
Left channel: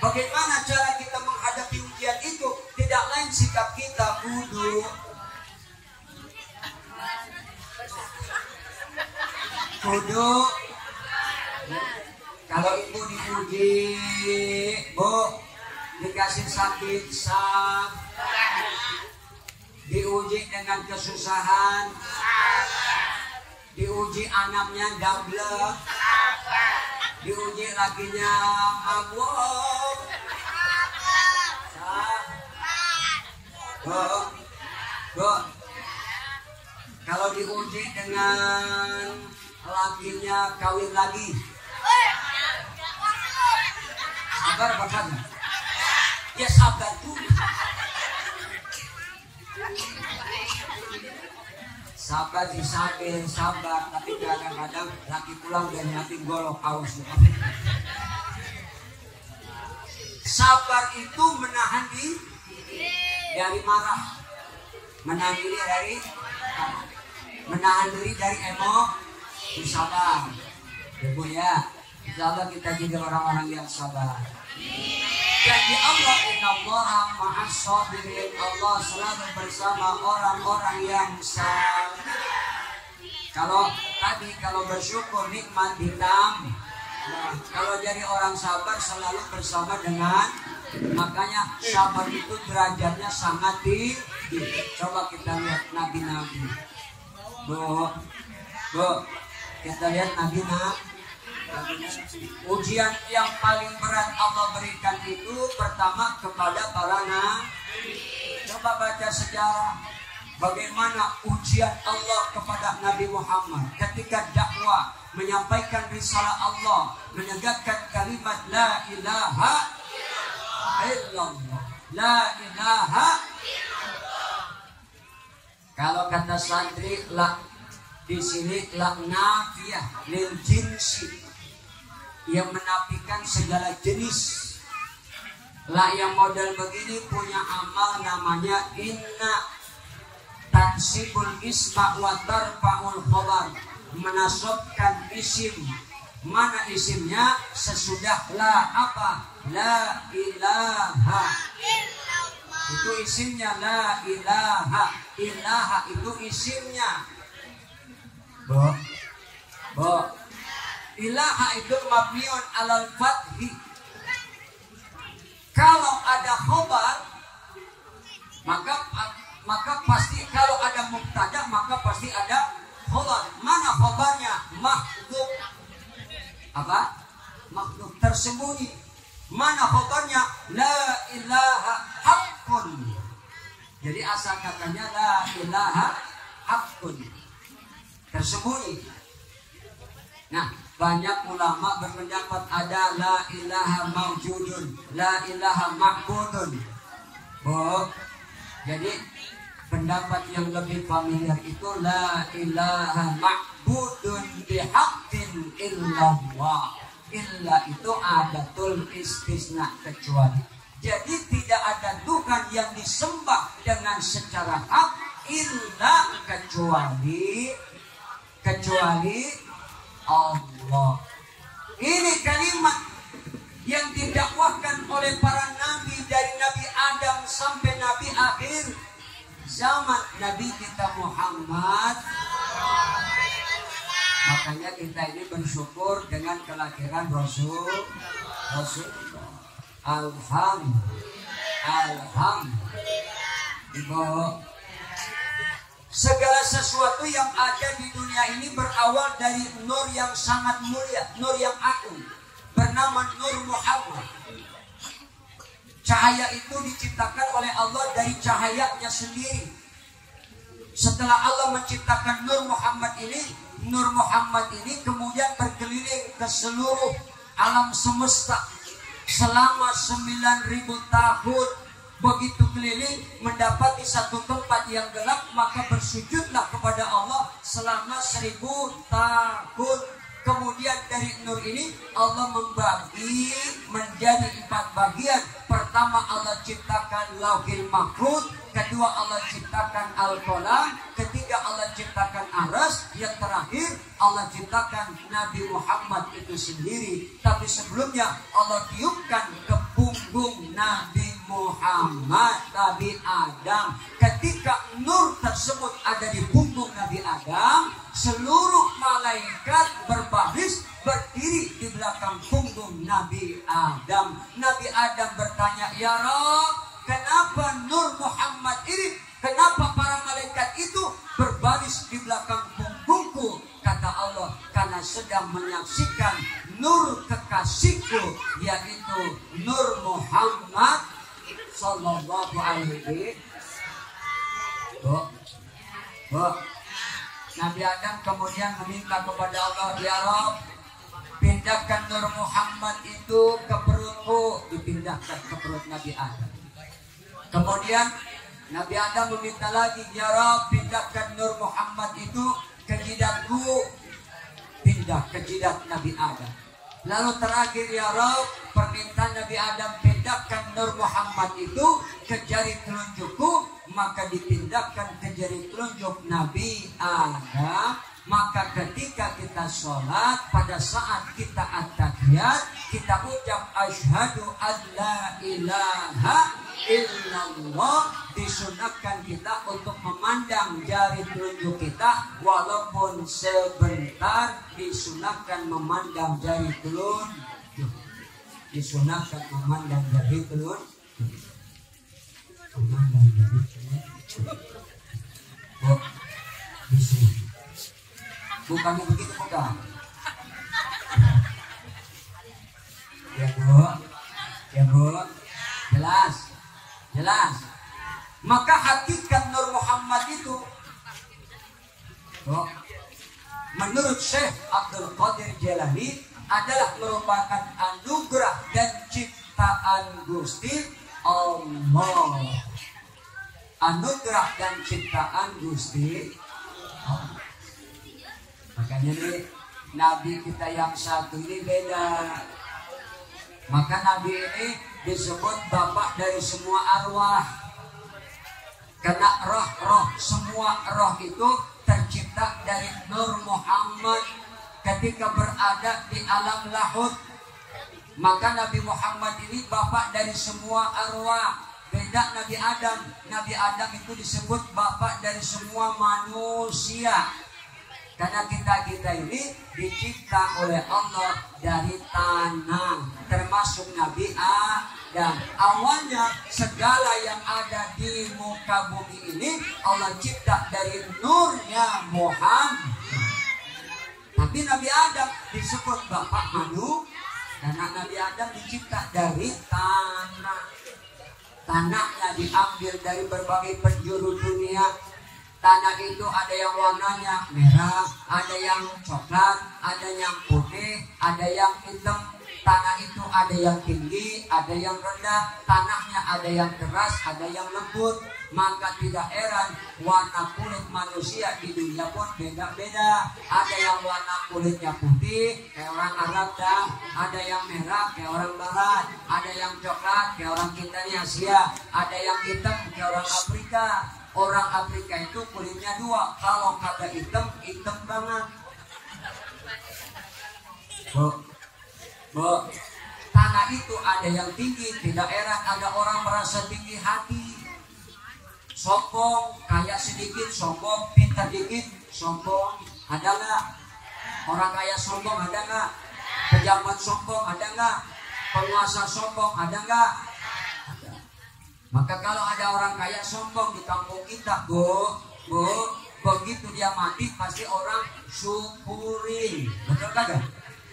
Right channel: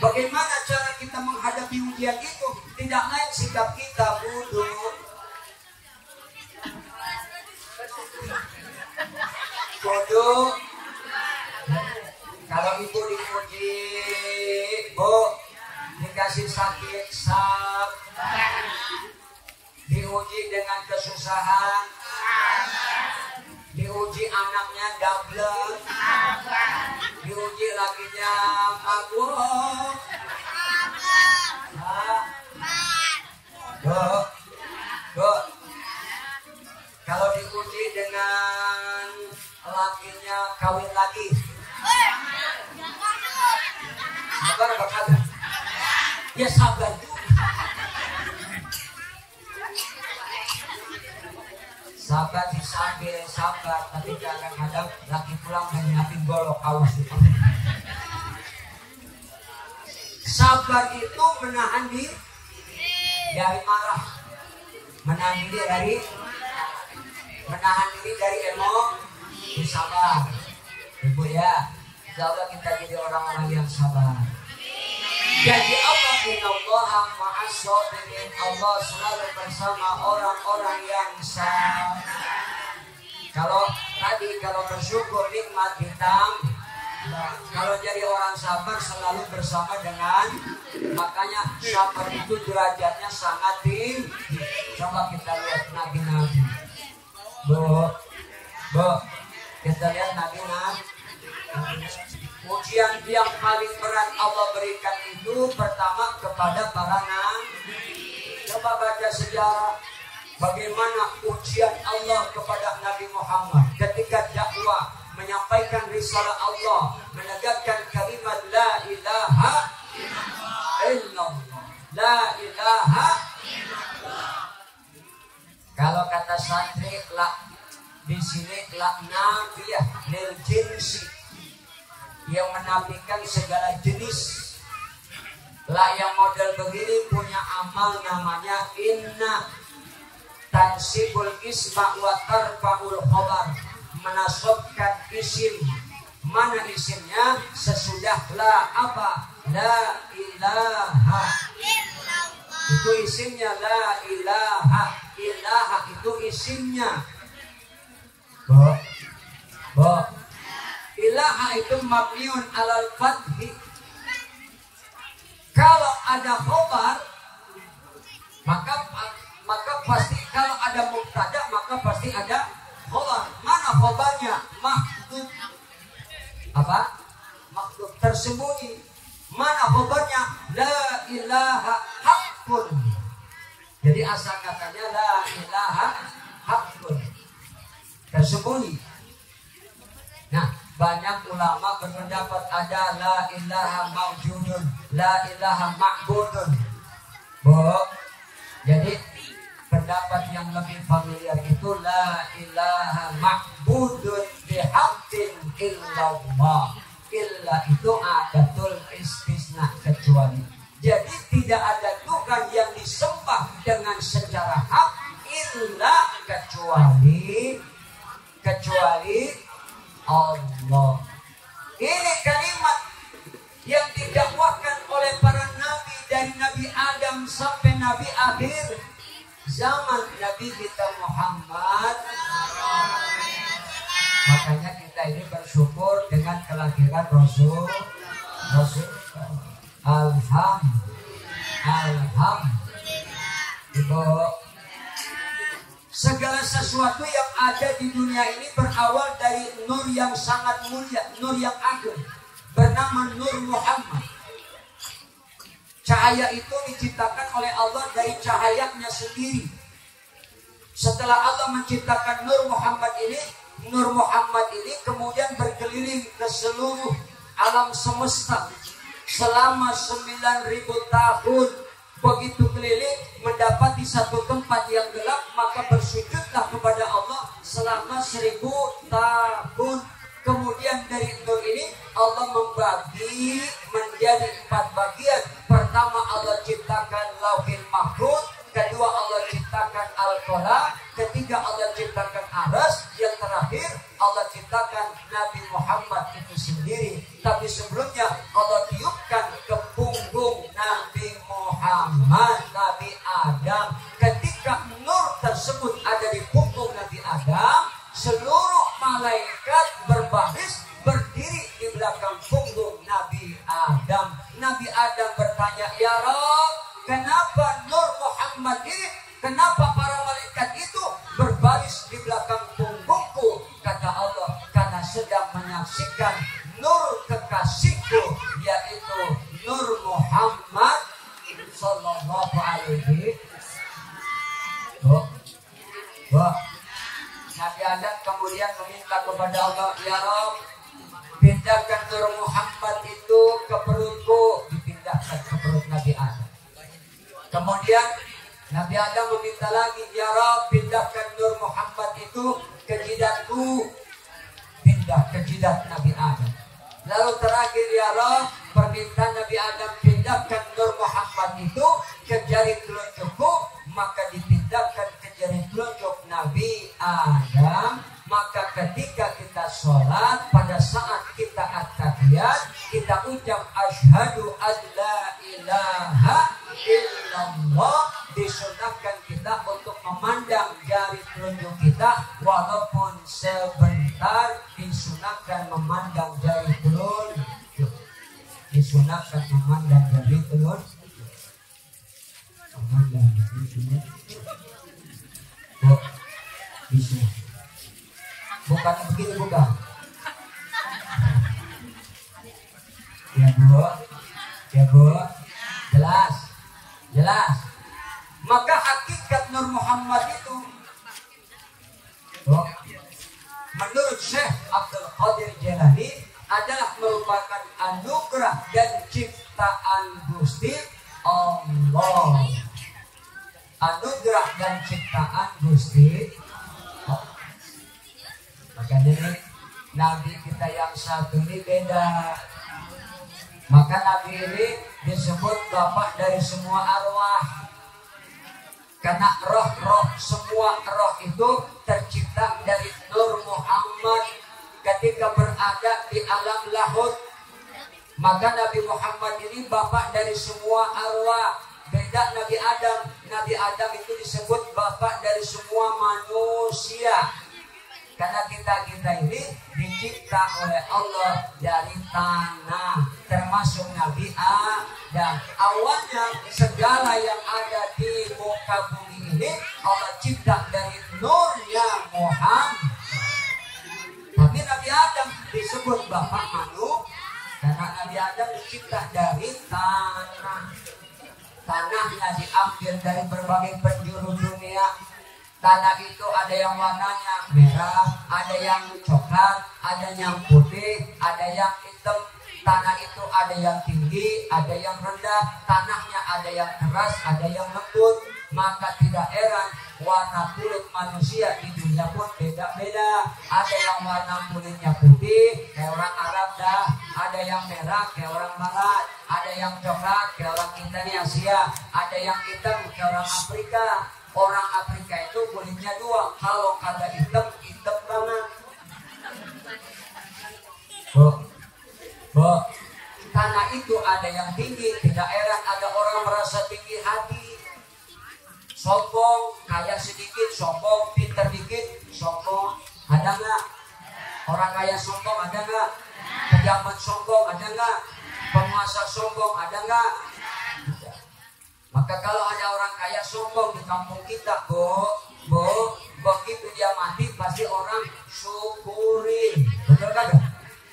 bagaimana cara kita menghadapi ujian itu? Tidak lain sikap kita kudu kalau ibu diuji, Bu, dikasih sakit, sabar. Diuji dengan kesusahan, diuji anaknya gablek, diuji lakinya mabuk. Bu, kalau diuji dengan lakinya kawin lagi, sabar apa kagak? Ya sabar juga. Sabar disabil, sabar, tapi kadang-kadang laki pulang dan nyiapin golok, awas dulu. Sabar itu menahan diri dari marah, menahan diri dari emosi. Sabar, Ibu ya. Insya Allah kita jadi orang-orang yang sabar. Jadi Allah innallaha ma'as sabirin. Allah selalu bersama orang-orang yang sabar. Kalau bersyukur nikmat ditambah. Kalau jadi orang sabar selalu bersama dengan, makanya sabar itu derajatnya sangat tinggi. Coba kita lihat nabi-nabi. Bu, kita lihat nabi-nabi. Ujian yang paling berat Allah berikan itu pertama kepada para nabi. Coba baca sejarah bagaimana ujian Allah kepada Nabi Muhammad ketika dakwah, menyampaikan risalah Allah, menegakkan kalimat la ilaha illallah, la ilaha illallah. Kalau kata santri la di sini la nafiyah lil jinsi, yang menafikan segala jenis. Lah yang model begini punya amal namanya inna tansibul isma wa tarfa'ul khobar, menasabkan isim. Mana isimnya? Sesudah la apa? La ilaha illallah. Itu isimnya la ilaha. Ilaha itu isimnya. Bo. Ilaha itu mabniun alal fathi. Kalau ada khobar, maka pasti, kalau ada mubtada maka pasti ada khobar. Mana khobarnya? Mahdhuf. Apa? Mahdhuf, tersembunyi. Mana khobarnya? La ilaha haqqun. Jadi asal katanya la ilaha haqqun, tersembunyi. Nah, banyak ulama berpendapat ada la ilaha mawjudun, la ilaha ma'budun. Jadi pendapat yang lebih familiar itu la ilaha ma'budun bihaqqin illallah. Illa itu adatul istisna, kecuali. Jadi tidak ada Tuhan yang disembah dengan secara hak illa kecuali Allah. Ini kalimat yang didakwahkan oleh para nabi dari Nabi Adam sampai Nabi akhir zaman, Nabi kita Muhammad. Makanya kita ini bersyukur dengan kelahiran Rasul. Alhamdulillah. Segala sesuatu yang ada di dunia ini berawal dari nur yang sangat mulia, nur yang agung, bernama Nur Muhammad. Cahaya itu diciptakan oleh Allah dari cahayanya sendiri. Setelah Allah menciptakan Nur Muhammad ini kemudian berkeliling ke seluruh alam semesta selama 9.000 tahun. Begitu keliling mendapati satu tempat yang gelap, maka bersujudlah kepada Allah selama 1.000 tahun. Kemudian dari nur ini Allah membagi menjadi 4 bagian. Pertama Allah ciptakan Lauhil Mahfuz, kedua Allah ciptakan Al-Qalam, ketiga Allah ciptakan Aras, yang terakhir Allah ciptakan Nabi Muhammad itu sendiri. Tapi sebelumnya Allah tiupkan ke punggung Nabi Muhammad, Nabi Adam. Ketika nur tersebut ada di punggung Nabi Adam, seluruh malaikat berbaris berdiri di belakang punggung Nabi Adam. Nabi Adam bertanya, "Ya Rabb, kenapa Nur Muhammad ini, kenapa para malaikat itu berbaris di belakang punggungku?" Kata Allah, "Karena sedang menyaksikan nur kekasihku, yaitu Nur Muhammad sallallahu alaihi wasallam." Nabi Adam kemudian meminta kepada Allah, "Ya Rabb, pindahkan Nur Muhammad itu ke perutku." Dipindahkan ke perut Nabi Adam. Kemudian Nabi Adam meminta lagi, "Ya Rabb, pindahkan Nur Muhammad itu ke jidatku." Pindah ke jidat Nabi Adam. Lalu terakhir, "Ya Rabb, permintaan Nabi Adam, pindahkan Nur Muhammad itu ke jari telunjukku." Maka dipindahkan ke jari telunjuk Nabi Adam. Maka ketika kita sholat, pada saat kita at-tahiyat, kita ucap asyhadu an la ilaha illallah. Disunahkan kita untuk memandang jari telunjuk kita, walaupun sebentar. Disunahkan memandang jari telunjuk. Disunahkan memandang jari telunjuk. Memandang jari telunjuk. Oh, bisa. Bukan begitu, bukan. Ya Bu, jelas. Maka hakikat Nur Muhammad itu, menurut Syekh Abdul Qadir Jailani, adalah merupakan anugerah dan ciptaan Gusti Allah. Anugerah dan ciptaan Gusti Allah. Makanya ini Nabi kita yang satu ini beda. Maka Nabi ini disebut bapak dari semua arwah. Karena roh-roh, semua roh itu tercipta dari Nur Muhammad ketika berada di alam lahut. Maka Nabi Muhammad ini bapak dari semua arwah. Beda Nabi Adam. Nabi Adam itu disebut bapak dari semua manusia. Karena kita ini dicipta oleh Allah dari tanah, termasuk Nabi Adam. Awalnya segala yang ada di muka bumi ini Allah cipta dari nurnya Muhammad. Tapi Nabi Adam disebut bapak manusia karena Nabi Adam dicipta dari tanah. Tanahnya diambil dari berbagai penjuru dunia. Tanah itu ada yang warnanya merah, ada yang coklat, ada yang putih, ada yang hitam. Tanah itu ada yang tinggi, ada yang rendah. Tanahnya ada yang keras, ada yang lembut. Maka tidak heran warna kulit manusia di dunia pun beda-beda. Ada yang warna kulitnya putih kayak orang Arab dah, ada yang merah kayak orang Barat, ada yang coklat kayak orang kita di Asia, ada yang hitam kayak orang Afrika. Orang Afrika itu kulitnya dua, kalau kagak hitam banget. Tanah itu ada yang tinggi, tidak heran ada orang merasa tinggi hati, sombong, kaya sedikit sombong, pintar dikit sombong. Ada nggak? Orang kaya sombong ada nggak? Pejabat sombong ada nggak? Penguasa sombong ada nggak? Maka kalau ada orang kaya sombong di kampung kita, Bu, begitu dia mati pasti orang syukurin. Betul kagak?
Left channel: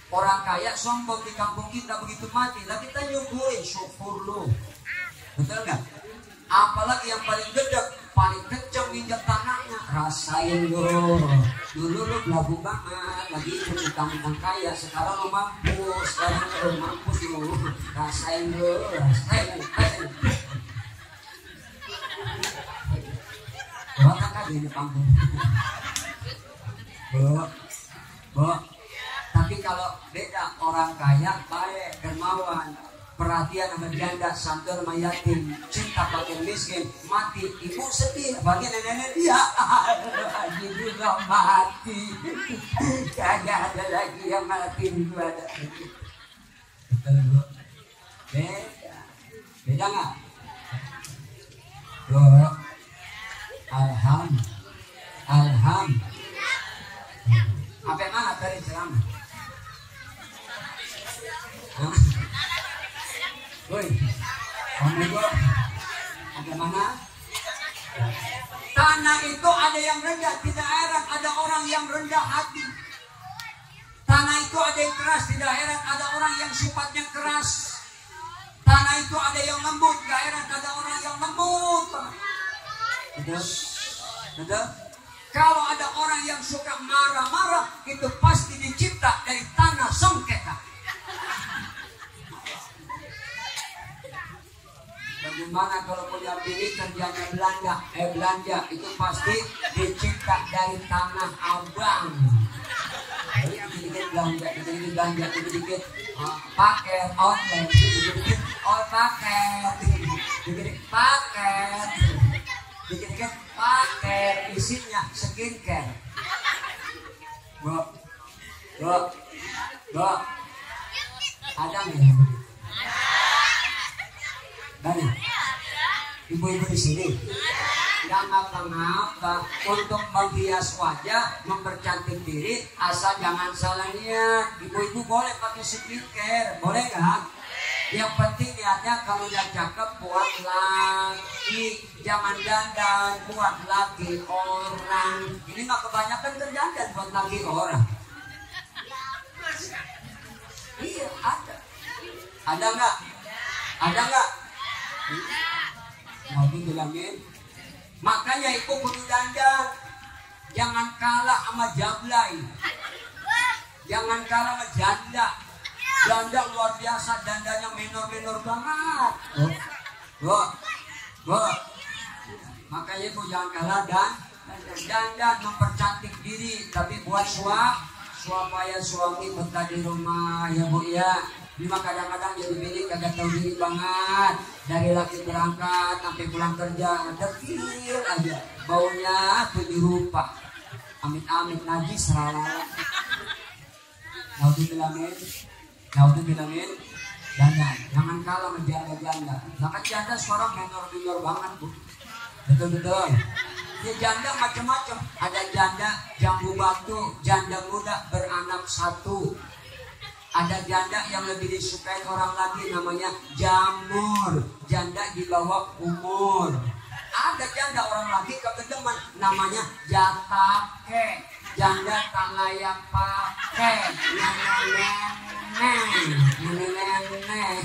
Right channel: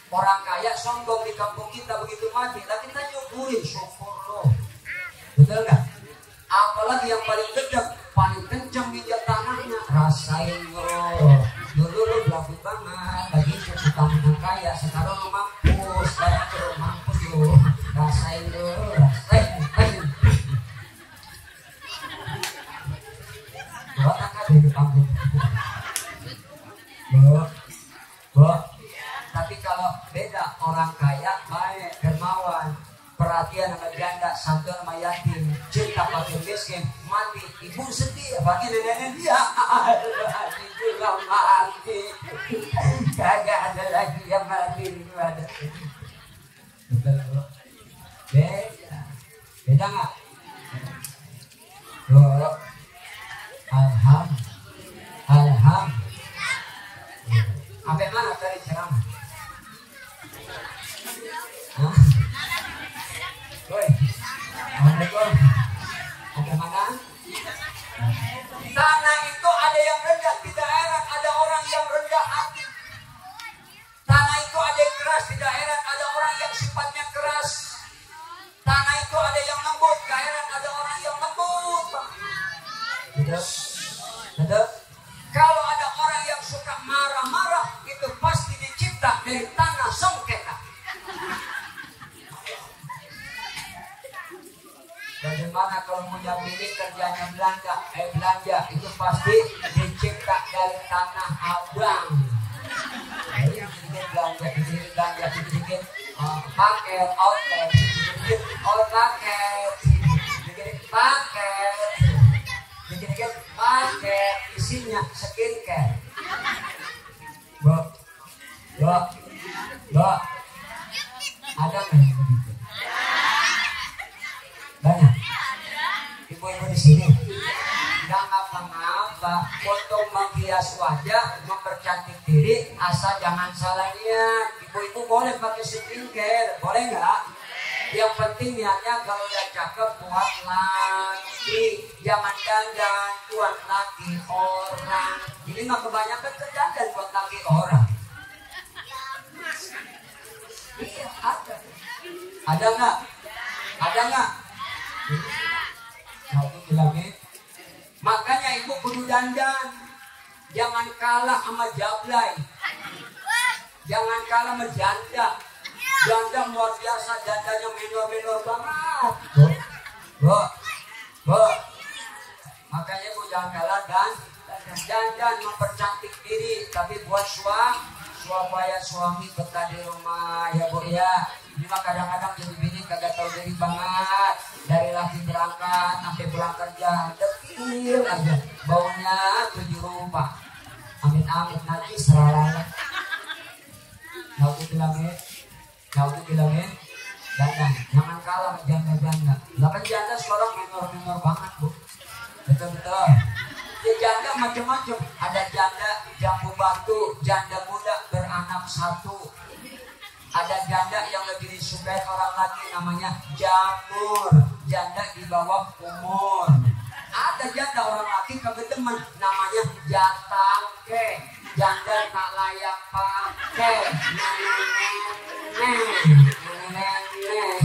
Orang kaya sombong di kampung kita begitu mati, lah kita syukurin, syukur loh. Betul nggak? Apalagi yang paling gede, paling kencang minjat tanahnya, rasain lo. Dulu lo belagu banget, lagi utang kaya, sekarang lo mampus, sekarang lo mampus lo. Rasain lo, rasain. Bawa kakak dari panggung. Bo, tapi kalau beda orang kaya baik, dermawan, perhatian sama janda, santur sama yatim, cinta fakir miskin, mati ibu sedih bagi nenek dia, juga mati, kagak ada lagi yang mati itu ada. Betul bu, beda nggak? Bu, alham. Sampai mana dari ceramah? Woi, Assalamualaikum. Bagaimana? Tanah itu ada yang rendah, tidak heran ada orang yang rendah hati. Tanah itu ada yang keras, tidak heran ada orang yang sifatnya keras. Tanah itu ada yang lembut, tidak heran ada orang yang lembut. Betul? Kalau ada orang yang suka marah-marah, itu pasti dicipta dari tanah sengketa. Bagaimana kalau punya bini kerjanya belanja itu pasti dicipta dari tanah abang. Jadi dikit belanja, dikit paket outlet, dikit paket, dikit paket isinya skincare. Bo, ada nggak yang begitu? Banyak. Ibu-ibu di sini nggak ngapa-ngapa untuk menghias wajah, mempercantik diri, asal jangan salah niat. Ibu-ibu boleh pakai skincare, boleh nggak? Yang penting niatnya kalau udah cakep buat laki, jangan dandan buat laki orang. Ini mah kebanyakan dandan buat laki orang. Iya ada. Ada nggak? Ada nggak? Nabi bilangin. Makanya ibu kudu dandan. Jangan kalah sama jablay. Jangan kalah sama janda. Janda luar biasa, dandanya minor banget. Bu. Makanya ibu jangan kalah dan dandan mempercantik diri, tapi buat supaya suami betah di rumah ya bu ya. Cuma kadang-kadang jadi bini kagak tahu diri banget. Dari laki berangkat sampai pulang kerja dekil aja, baunya 7 rupa. Amit-amit najis rala. Mau dibilangin dandan, jangan kalah sama janda-janda. Bahkan janda sekarang minor banget bu. Betul. Ya janda macam-macam. Ada janda jambu batu, janda muda beranak 1. Ada janda yang lebih disukai orang lagi namanya jamur, janda di bawah umur. Ada janda orang laki kagak demen namanya jatake, janda tak layak pakai. Nenek.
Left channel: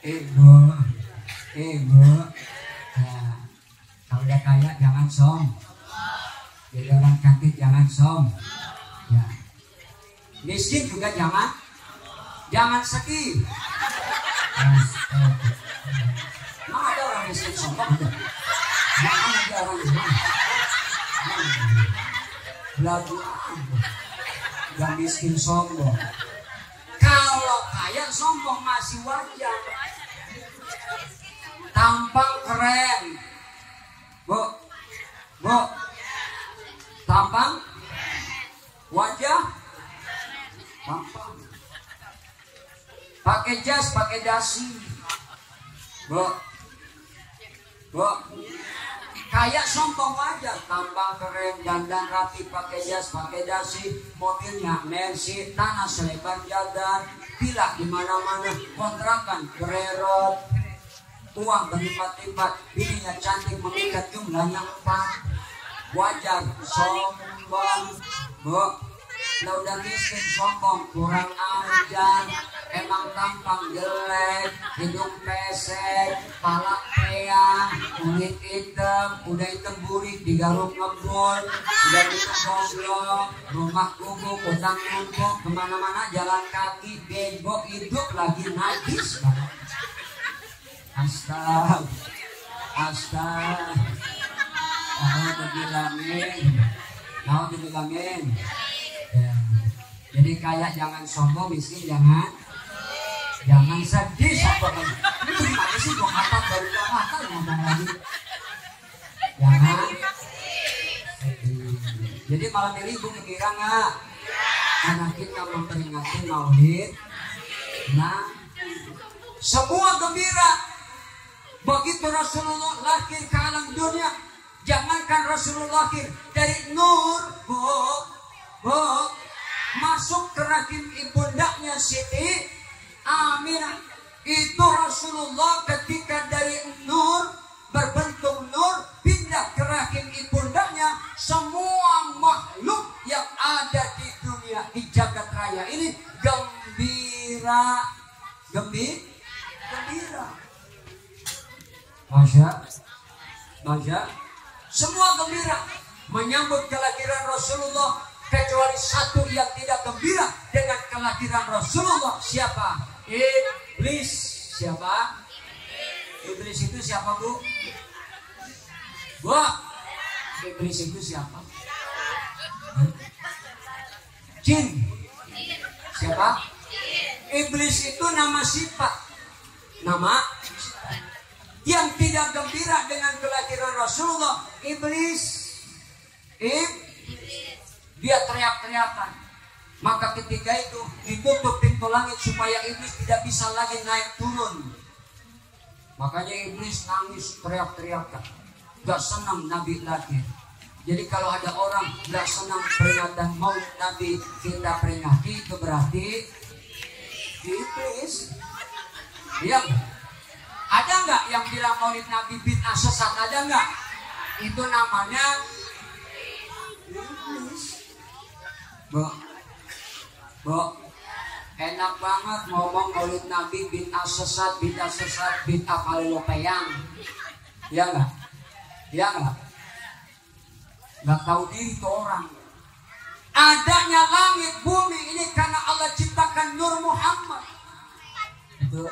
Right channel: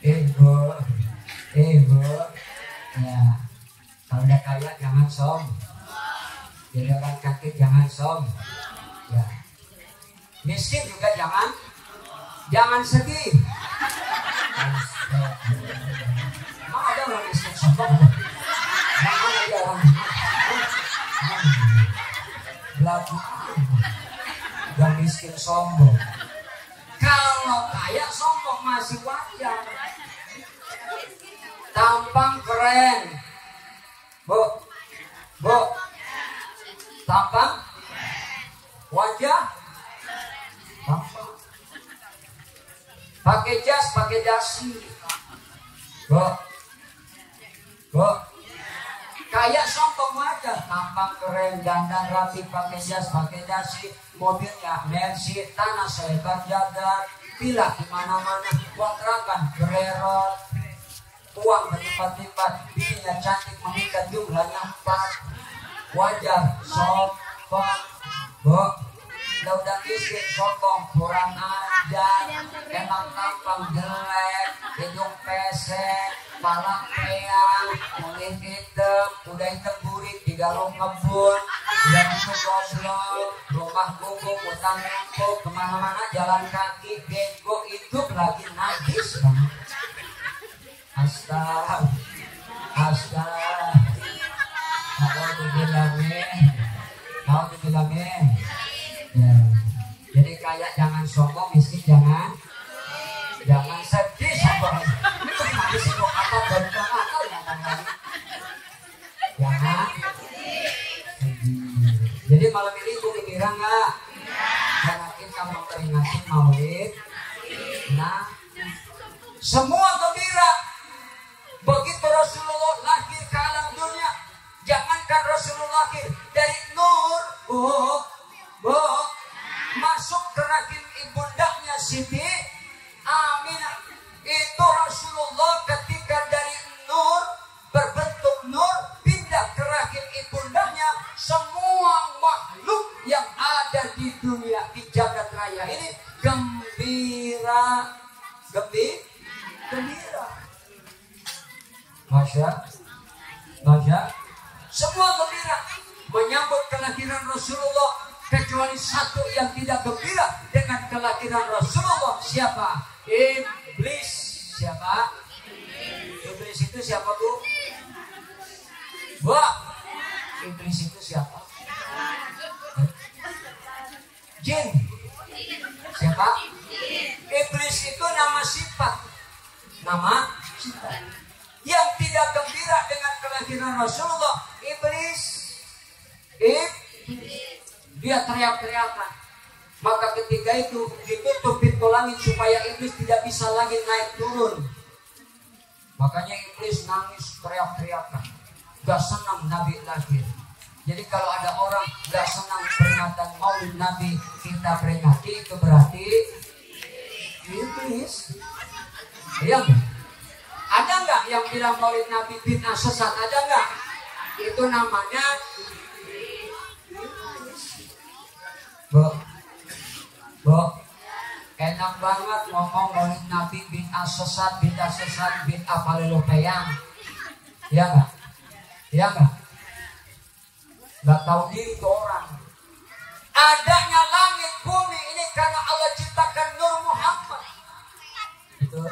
Ibu, ya kalau udah kaya jangan sombong. Jadi orang cantik jangan sombong, ya. Miskin juga jangan sedih. Nah, ada orang miskin sombong. Jangan ada orang belagu, gak miskin sombong. Kalau kaya sombong masih wajar. Tampang keren, bu. Tampang, wajah, tampang. Pakai jas, pakai dasi. Bu. Kayak sombong aja, tampang keren, dandan rapi, pakai jas, pakai dasi, mobilnya Mercy, tanah selebar jalan, pilah di mana-mana, kontrakan bererot, uang berlipat-lipat, bininya cantik memikat jumlahnya 4. Wajar sombong, bu. Lo udah miskin sombong, kurang ajar, emang tampang jelek, hidung pesek, kepala peang, kulit hitam, udah hitam burik, digaruk ngebun, udah itu goblok, rumah kubuk, utang numpuk, kemana-mana jalan kaki, bego, hidup lagi najis banget. Astaga, mau dibilangin, ya. Jadi kayak jangan sombong, miskin jangan sedih sombong. Ini gimana sih kok kata baru akal ngomong lagi? Jangan sedih. Jadi malam ini gue kira nggak? Karena kita memperingati Maulid. Nah, semua gembira. Begitu Rasulullah lahir ke alam dunia, jangankan Rasulullah lahir dari nur, bu, masuk ke rahim ibundanya Siti Aminah. Itu Rasulullah ketika dari nur berbentuk nur pindah ke rahim ibundanya, semua makhluk yang ada di dunia, di jagat raya ini gembira. Masya, semua gembira menyambut kelahiran Rasulullah, kecuali satu yang tidak gembira dengan kelahiran Rasulullah. Siapa? Iblis. Siapa? Iblis itu siapa, Bu? Iblis itu siapa? Jin. Siapa? Iblis itu nama sifat. Yang tidak gembira dengan kelahiran Rasulullah, iblis. Dia teriak-teriakan. Maka ketika itu ditutup pintu langit supaya iblis tidak bisa lagi naik turun. Makanya iblis nangis, teriak-teriakan. Gak senang Nabi lahir. Jadi kalau ada orang gak senang peringatan Maulid Nabi kita peringati, itu berarti iblis. Iya nggak? Ada nggak yang bilang Maulid Nabi bid'ah sesat? Ada nggak? Itu namanya iblis. Bu, enak banget ngomong Maulid Nabi bid'ah sesat, bid'ah palelopeyang. Iya nggak? Iya nggak? Nggak tahu diri tuh orang. Adanya langit bumi ini karena Allah ciptakan Nur Muhammad. Betul.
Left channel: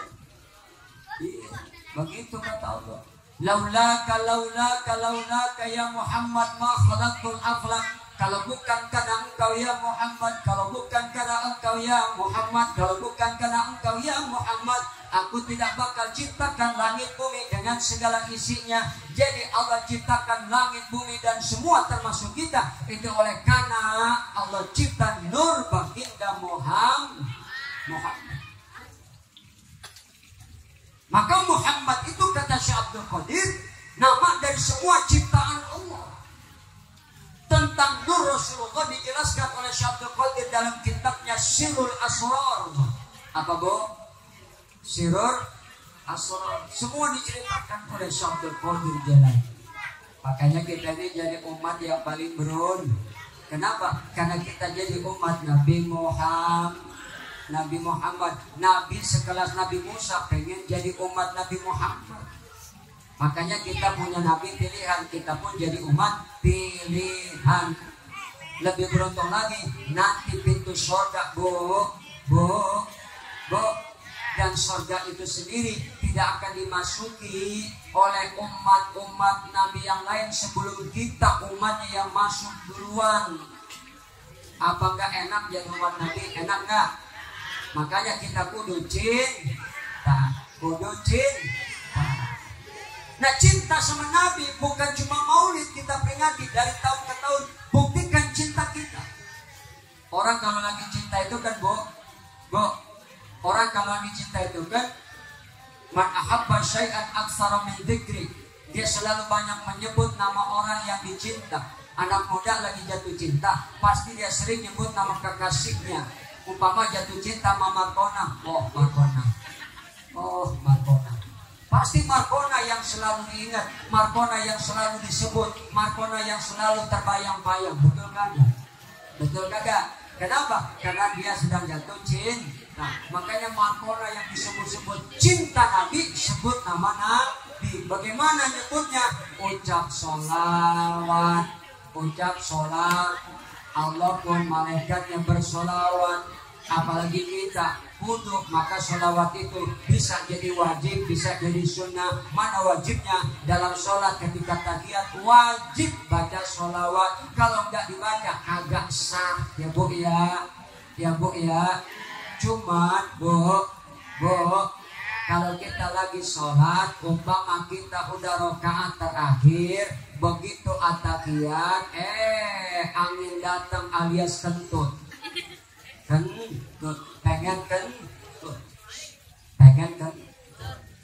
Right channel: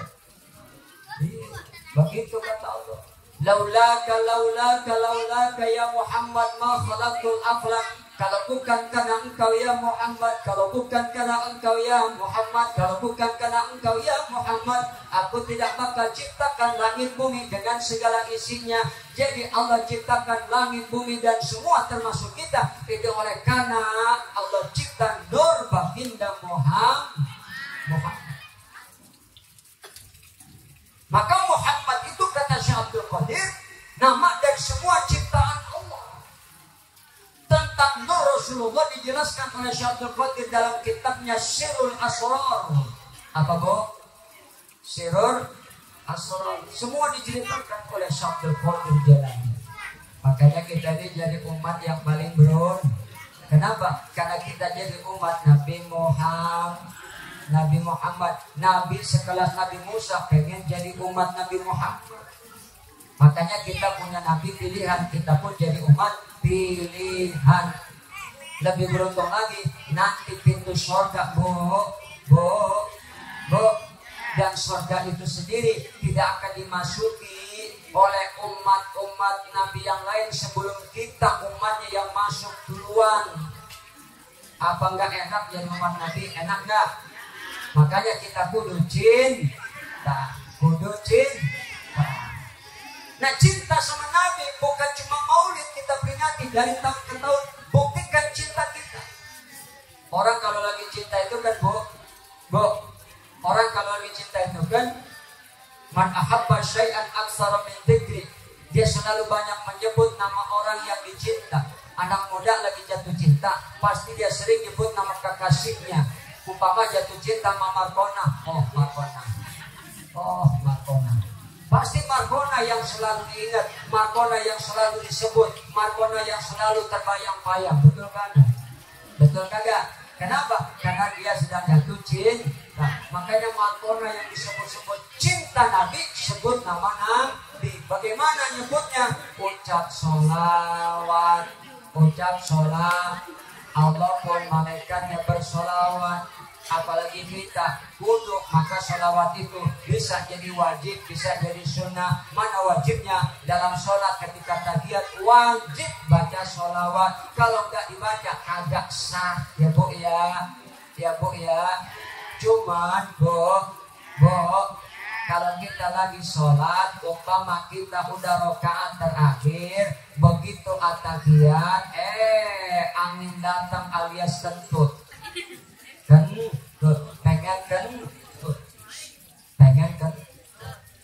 Iya. Begitu kata Allah. Laulaka ya Muhammad ma khalaqtul aflaq. Kalau bukan karena engkau ya Muhammad, kalau bukan karena engkau ya Muhammad, kalau bukan karena engkau ya Muhammad, aku tidak bakal ciptakan langit bumi dengan segala isinya. Jadi Allah ciptakan langit bumi dan semua termasuk kita itu oleh karena Allah cipta nur baginda Muhammad. Maka Muhammad itu kata Syekh Abdul Qadir, nama dari semua ciptaan Allah. Tentang Nur Rasulullah dijelaskan oleh Syekh Abdul Qadir dalam kitabnya Sirrul Asrar. Apa, Bu? Sirrul Asrar. Semua diceritakan oleh Syekh Abdul Qadir Jalani. Makanya kita ini jadi umat yang paling berun. Kenapa? Karena kita jadi umat Nabi Muhammad. Nabi sekelas Nabi Musa pengen jadi umat Nabi Muhammad. Makanya kita punya Nabi pilihan, kita pun jadi umat pilihan. Lebih beruntung lagi nanti pintu surga, Bu, dan surga itu sendiri tidak akan dimasuki oleh umat-umat Nabi yang lain sebelum kita, umatnya yang masuk duluan. Apa enggak enak jadi umat Nabi? Enak enggak? Makanya kita kudu cinta. Nah, cinta sama Nabi bukan cuma Maulid kita peringati dari tahun ke tahun. Buktikan cinta kita. Orang kalau lagi cinta itu kan, Bu, orang kalau lagi cinta itu kan, man ahabba syai'an aktsara min dzikri. Dia selalu banyak menyebut nama orang yang dicinta. Anak muda lagi jatuh cinta, pasti dia sering nyebut nama kekasihnya. Umpama jatuh cinta sama Markona, Markona. Pasti Markona yang selalu diingat, Markona yang selalu disebut, Markona yang selalu terbayang-bayang. Betul kan? Betul kagak? Kenapa? Karena dia sedang jatuh cinta. Nah, makanya makna yang disebut-sebut cinta Nabi, sebut nama Nabi. Bagaimana nyebutnya? Ucap sholawat, ucap sholat. Allah pun malaikatnya bersolawat, apalagi kita wudhu. Maka sholawat itu bisa jadi wajib, bisa jadi sunnah. Mana wajibnya? Dalam sholat ketika tahiyat wajib baca sholawat. Kalau nggak dibaca agak sah ya bu ya, ya bu ya. Cuman bu, kalau kita lagi sholat, umpama kita udah rakaat terakhir, begitu atahiyat, angin datang alias kentut, pengen kentut.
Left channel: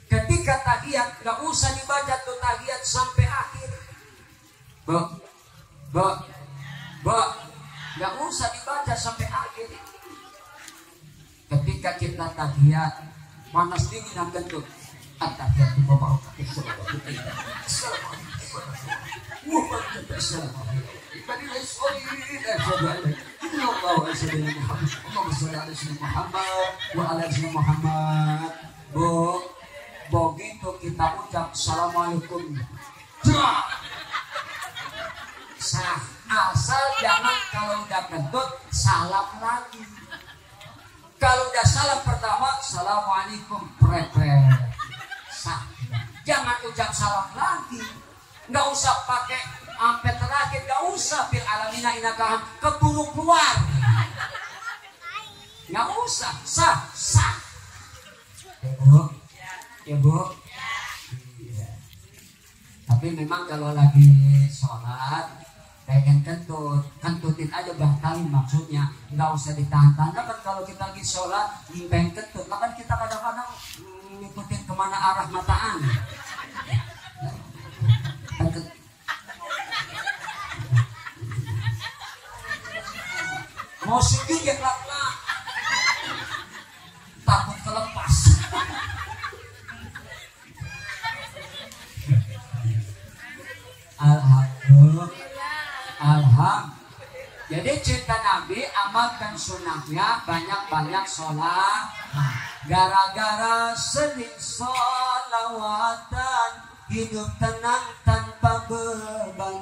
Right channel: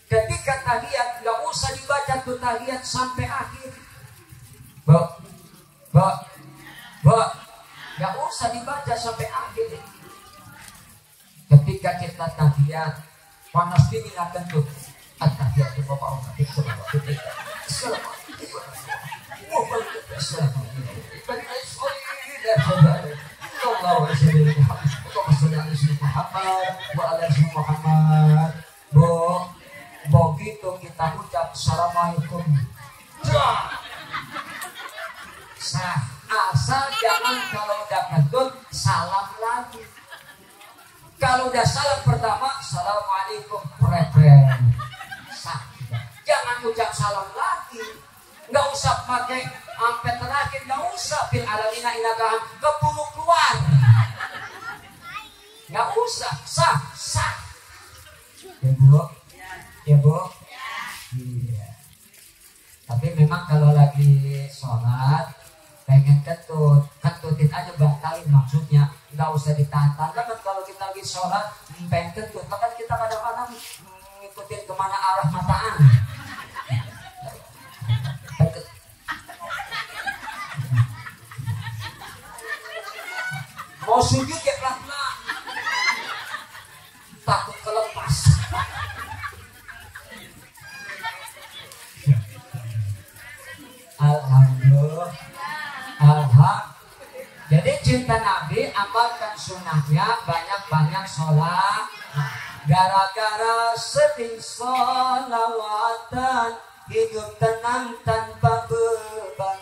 Ketika tahiyat, nggak usah dibaca tuh tahiyat sampai akhir, nggak usah dibaca sampai akhir. Ketika kita tahiyat, panas dingin akan tuh at-tahiyatu wa barakatuh. Begitu kita ucap assalamualaikum, sah. Asal jangan kalau udah kentut salam lagi. Kalau udah salam pertama, assalamualaikum, sah. Jangan ucap salam lagi. Nggak usah pakai sampai terakhir, nggak usah fil alamina inaka keburu keluar. Nggak usah, sah. Ya bu, ya bu. Iya. Tapi memang kalau lagi sholat pengen kentutin aja batalin maksudnya, nggak usah ditahan-tahan. Kan kalau kita lagi sholat pengen kentut, kan kita kadang-kadang ngikutin kemana arah mata angin. Mau sujud ya pelan-pelan, takut kelepas. Alhamdulillah. Jadi cinta Nabi, amalkan sunnahnya, banyak-banyak sholat. Gara-gara sering sholawatan, hidup tenang tanpa beban.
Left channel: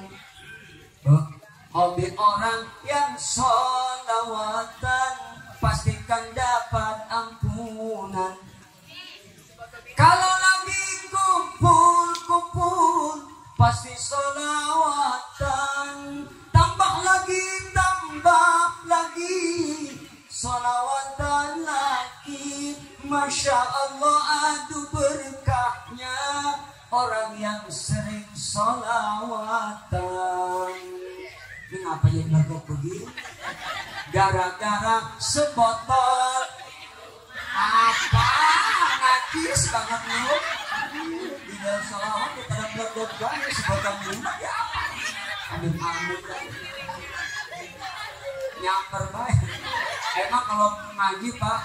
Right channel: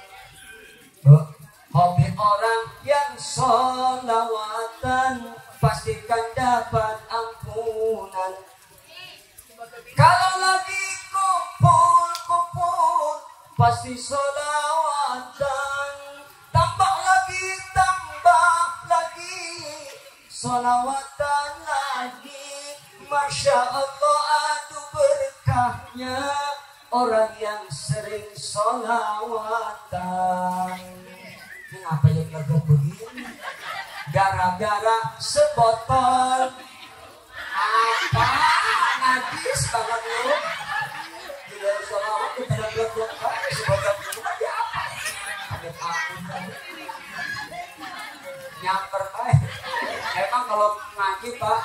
Hobi orang yang sholawatan, pastikan dapat ampunan. Kalau lagi kumpul, pasti sholawatan. Tambah lagi, sholawatan lagi. Masya Allah, aduh berkahnya orang yang sering sholawatan. Ini apa yang agak begini? Gara-gara sebotol apa najis banget lu. Di dalam sholawat kita ada blok-blok banget sebotol bunga ya apa? Amin kan. Nyamper baik. Emang kalau ngaji pak,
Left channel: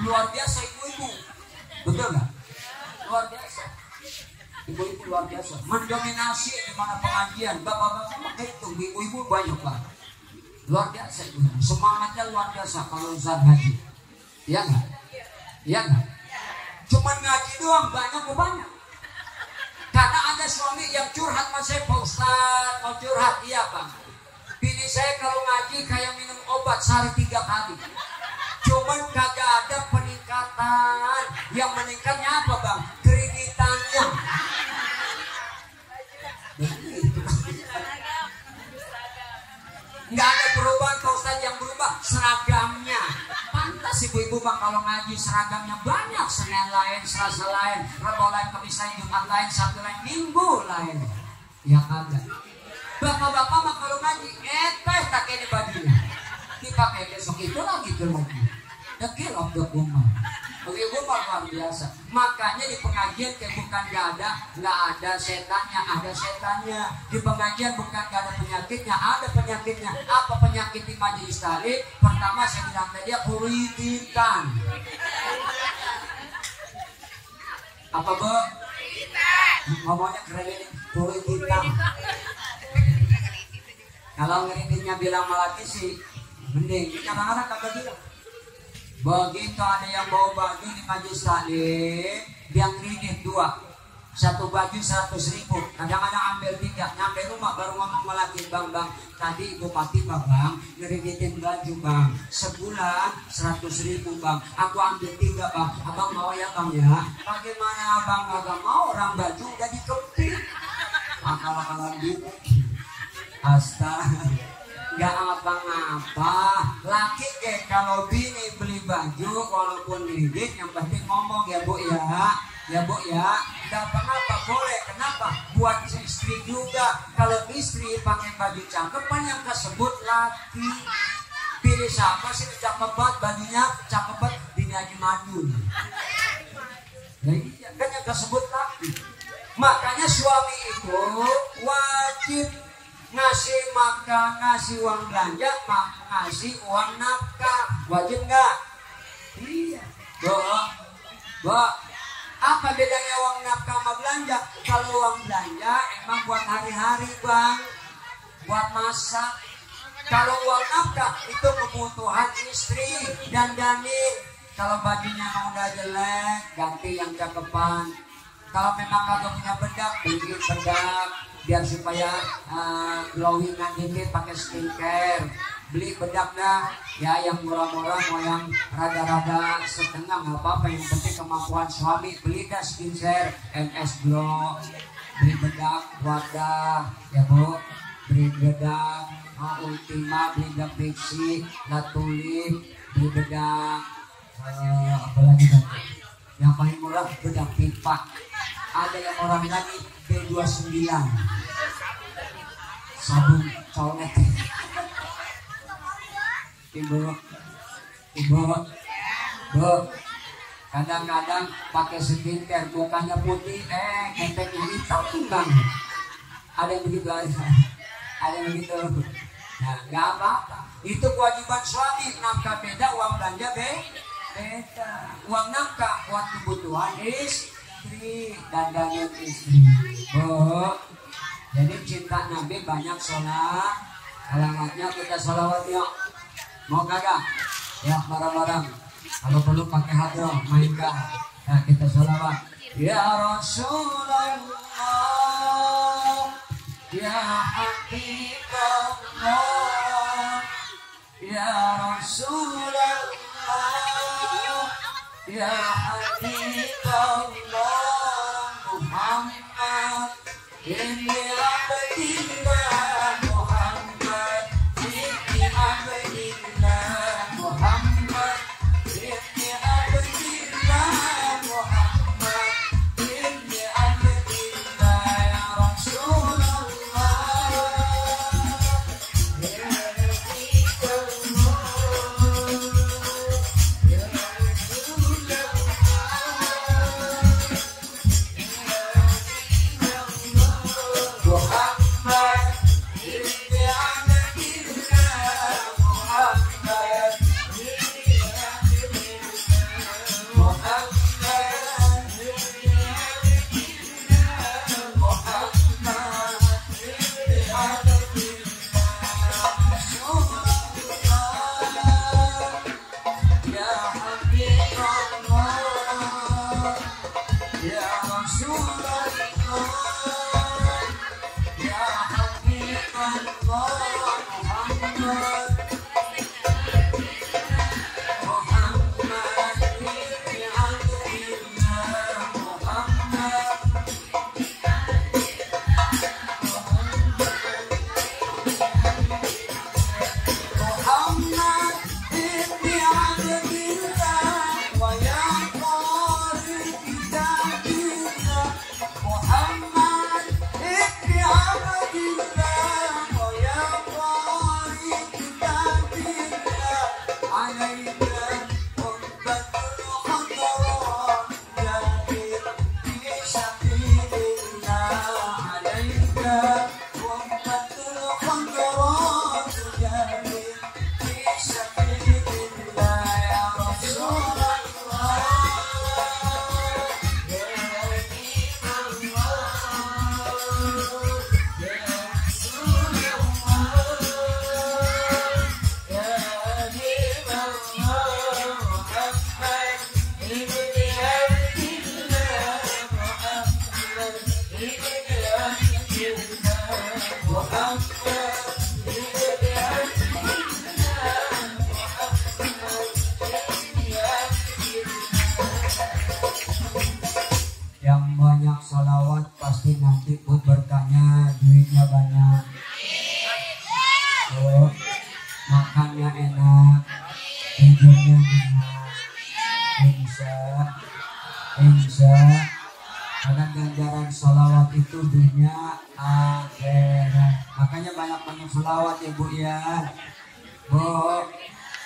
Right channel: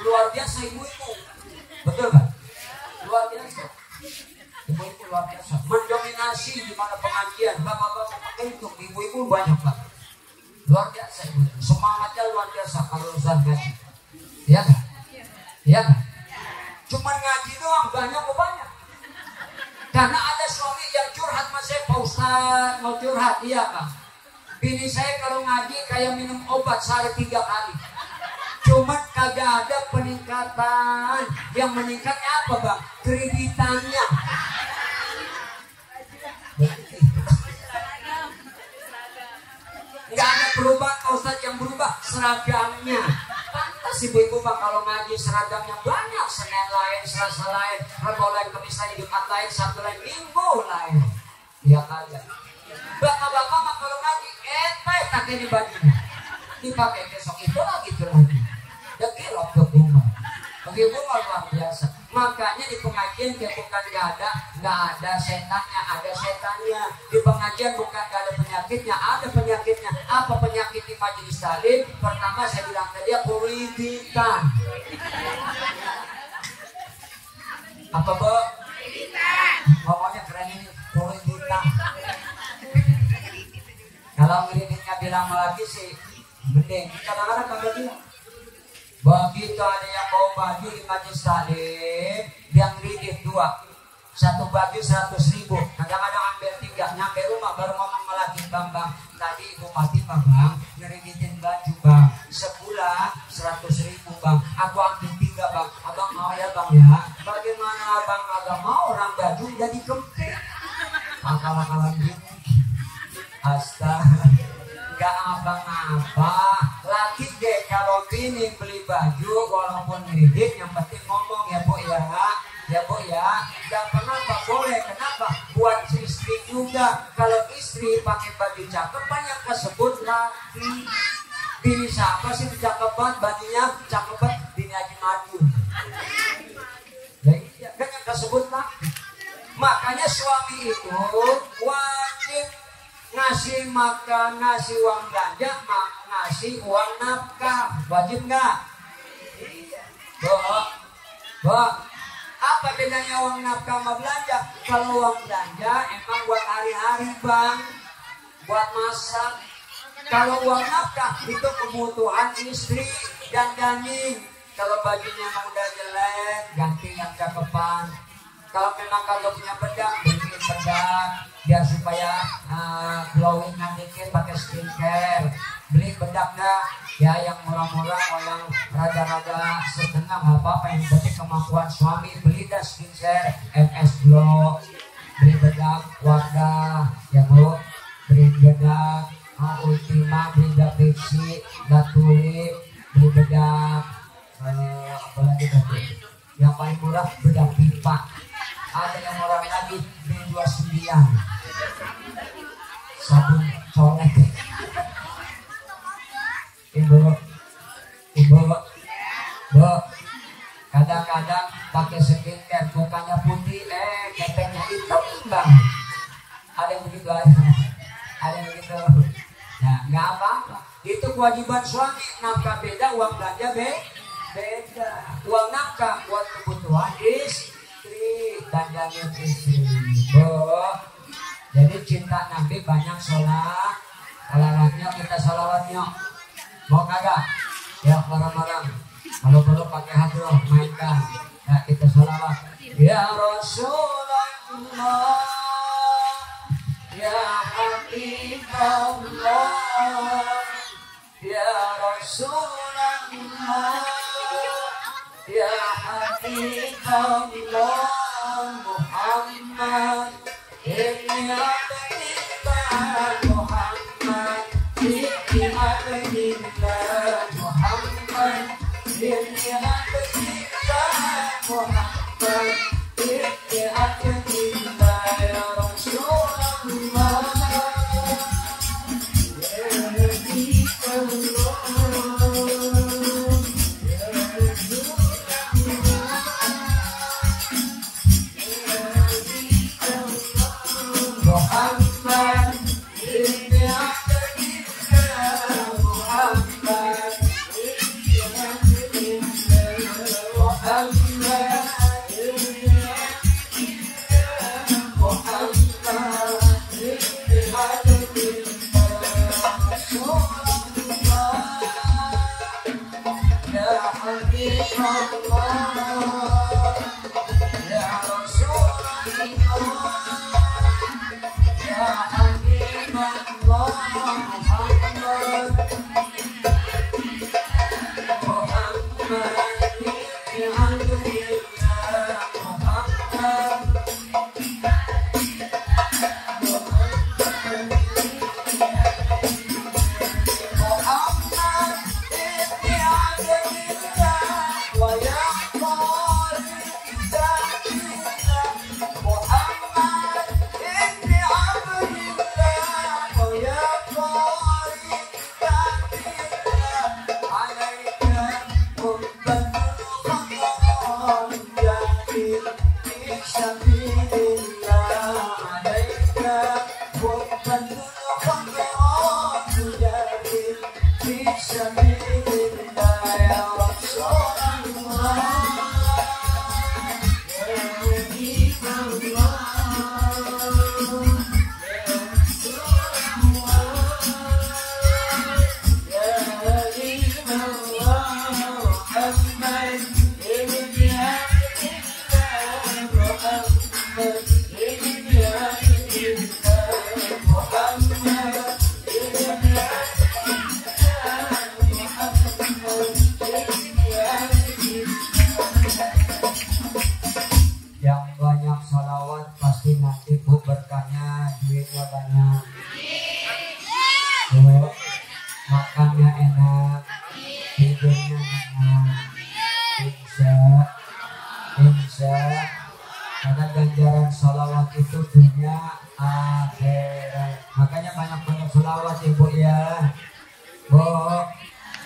luar biasa ibu-ibu. Betul nggak? Luar biasa. Ibu-ibu luar biasa. Mendominasi di mana pengajian. Bapak-bapak itu, ibu-ibu banyak pak. Luar biasa ibu. Semangatnya luar biasa kalau usaha ngaji. Iya nggak? Iya nggak? Cuman ngaji doang banyak. Karena ada suami yang curhat sama saya, Pak Ustaz mau curhat, iya Pak. Bini saya kalau ngaji kayak minum obat sehari 3 kali. Cuman kagak ada peningkatan. Yang meningkatnya apa bang? Kreditannya. Nggak ada perubahan Pak Ustaz, yang berubah seragamnya. Pantas ibu-ibu bang kalau ngaji seragamnya banyak. Senin lain, Selasa lain, Rabu lain, Kamis lain, Jumat lain, Sabtu lain, Minggu lain. Ya kagak. Bapak-bapak mah kalau ngaji pakai di bajunya, dipakai besok itu lagi. Ya kira ke rumah. Begitu luar biasa. Makanya di pengajian bukan nggak ada setannya, ada setannya. Di pengajian bukan nggak ada penyakitnya, ada penyakitnya. Apa penyakit di majelis taklim? Pertama saya bilang ke dia kuriditan. Apa bu? Ngomongnya keren ini, kuriditan. Kalau ngiriditnya bilang lagi sih mending, kadang-kadang kagak bilang. Begitu ada yang bawa baju di majlis taklim, dia ngridit 2. Satu baju 100.000. Kadang-kadang ambil 3, nyampe rumah baru ngomong ngelaki, bang, tadi ibu Fatimah bang ngeriditin baju bang, sebulan 100.000 bang, aku ambil 3 bang, abang mau ya bang ya? Bagaimana abang agak mau, orang baju udah dikepit, akal-akalan gitu. Astaga, nggak apa-apa. Laki deh kalau bini beli baju walaupun ngridit, yang penting ngomong ya bu ya. Ya bu ya, gak kenapa boleh, kenapa? Buat istri juga. Kalau istri pakai baju cakep, banyak kesebut laki. Pilih siapa sih cakep banget, bajunya cakep banget, bini Haji Madun. Ya iya, banyak kesebut laki. Makanya suami itu wajib ngasih makan, ngasih uang belanja, ngasih uang nafkah. Wajib nggak? Iya. Bu, apa bedanya uang nafkah sama belanja? Kalau uang belanja emang buat hari-hari bang, buat masak. Kalau uang nafkah itu kebutuhan istri dan dandanin. Kalau bajunya udah jelek, ganti yang cakepan. Kalau memang kagak punya bedak, beli bedak biar supaya glowing dikit, pakai skincare. Beli bedaknya ya yang murah-murah, yang rada-rada setengah nggak apa-apa, yang penting kemampuan suami. Beli dah skincare MS Glow, beli bedak Wardah ya bu, beli bedak Ultima, beli bedak Pixi, bedak Tulip, beli bedak apalagi tadi yang paling murah, bedak pipa. Ada yang murah lagi B29, sabun colek. Ibu, kadang-kadang pakai skincare mukanya putih, keteknya hitam bang. Ada yang begitu aja, ada yang begitu. Nah, nggak apa-apa. Itu kewajiban suami. Nafkah beda, uang belanja beda. Uang nafkah buat kebutuhan istri, dandanin istri. Bu, jadi cinta Nabi banyak sholat. Salawatnya kita salawat yuk. Mau kagak? Ya bareng-bareng. Kalau perlu pakai hadroh, mainkan. Ya kita salawat. Ya Rasulullah, ya Habibullah, ya Rasulullah, ya Habibullah Muhammad. Ini abdillah Muhammad, ini abdillah Muhammad, ini abdillah Muhammad, ini abdillah ya Rasulullah, ya Rasulullah, ya Rasulullah. Karena ganjaran sholawat itu dunia akhirat. Makanya banyak-banyak sholawat ya Bu ya. Bu,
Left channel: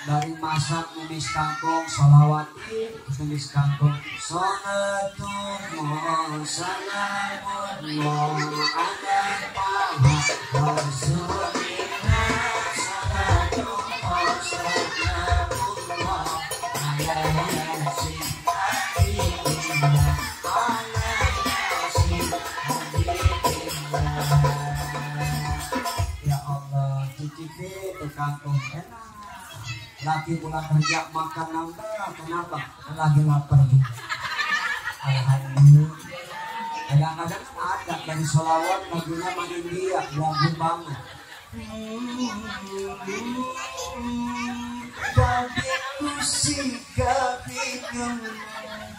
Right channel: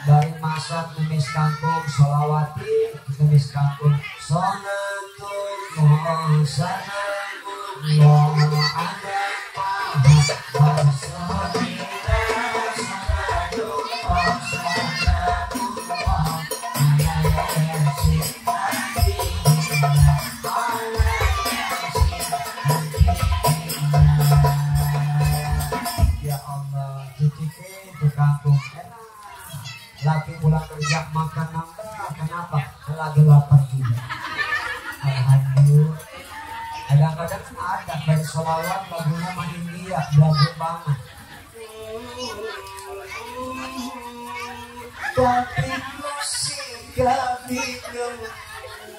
dari masak nulis kangkung sholawati nulis kangkung sholatullah salamullah ala lagi pulang kerja makan nambah. Kenapa? Lagi lapar juga. Alhamdulillah. Kadang-kadang ada dari sholawat lagunya mah India, lagu banget. Babiku si kabikung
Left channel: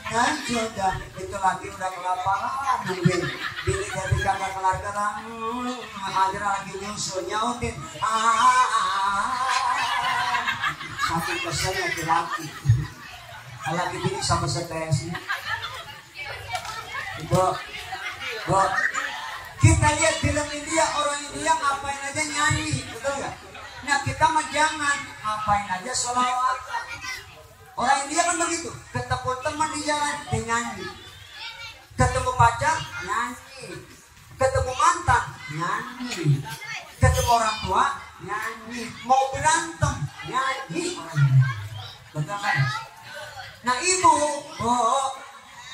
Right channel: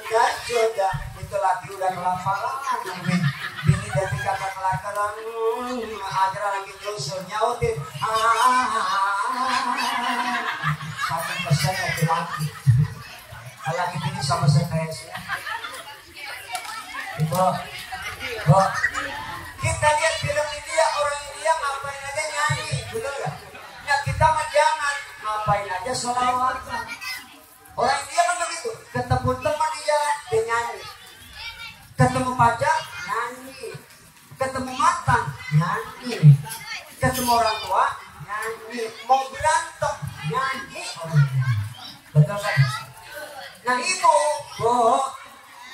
kan jodoh itu lagi udah kelaparan nungguin bini dari kamar kelar-kelar ada lagi nyusul nyautin satu persen laki-laki laki bini sama stresnya itu kita lihat film India, orang India ngapain aja nyanyi betul gak? Nah kita mah jangan ngapain aja sholawat. Orang India kan begitu, ketemu teman di jalan dia nyanyi, ketemu pacar nyanyi, ketemu mantan nyanyi, ketemu orang tua nyanyi, mau berantem nyanyi orang India. Betul kan? Nah ibu,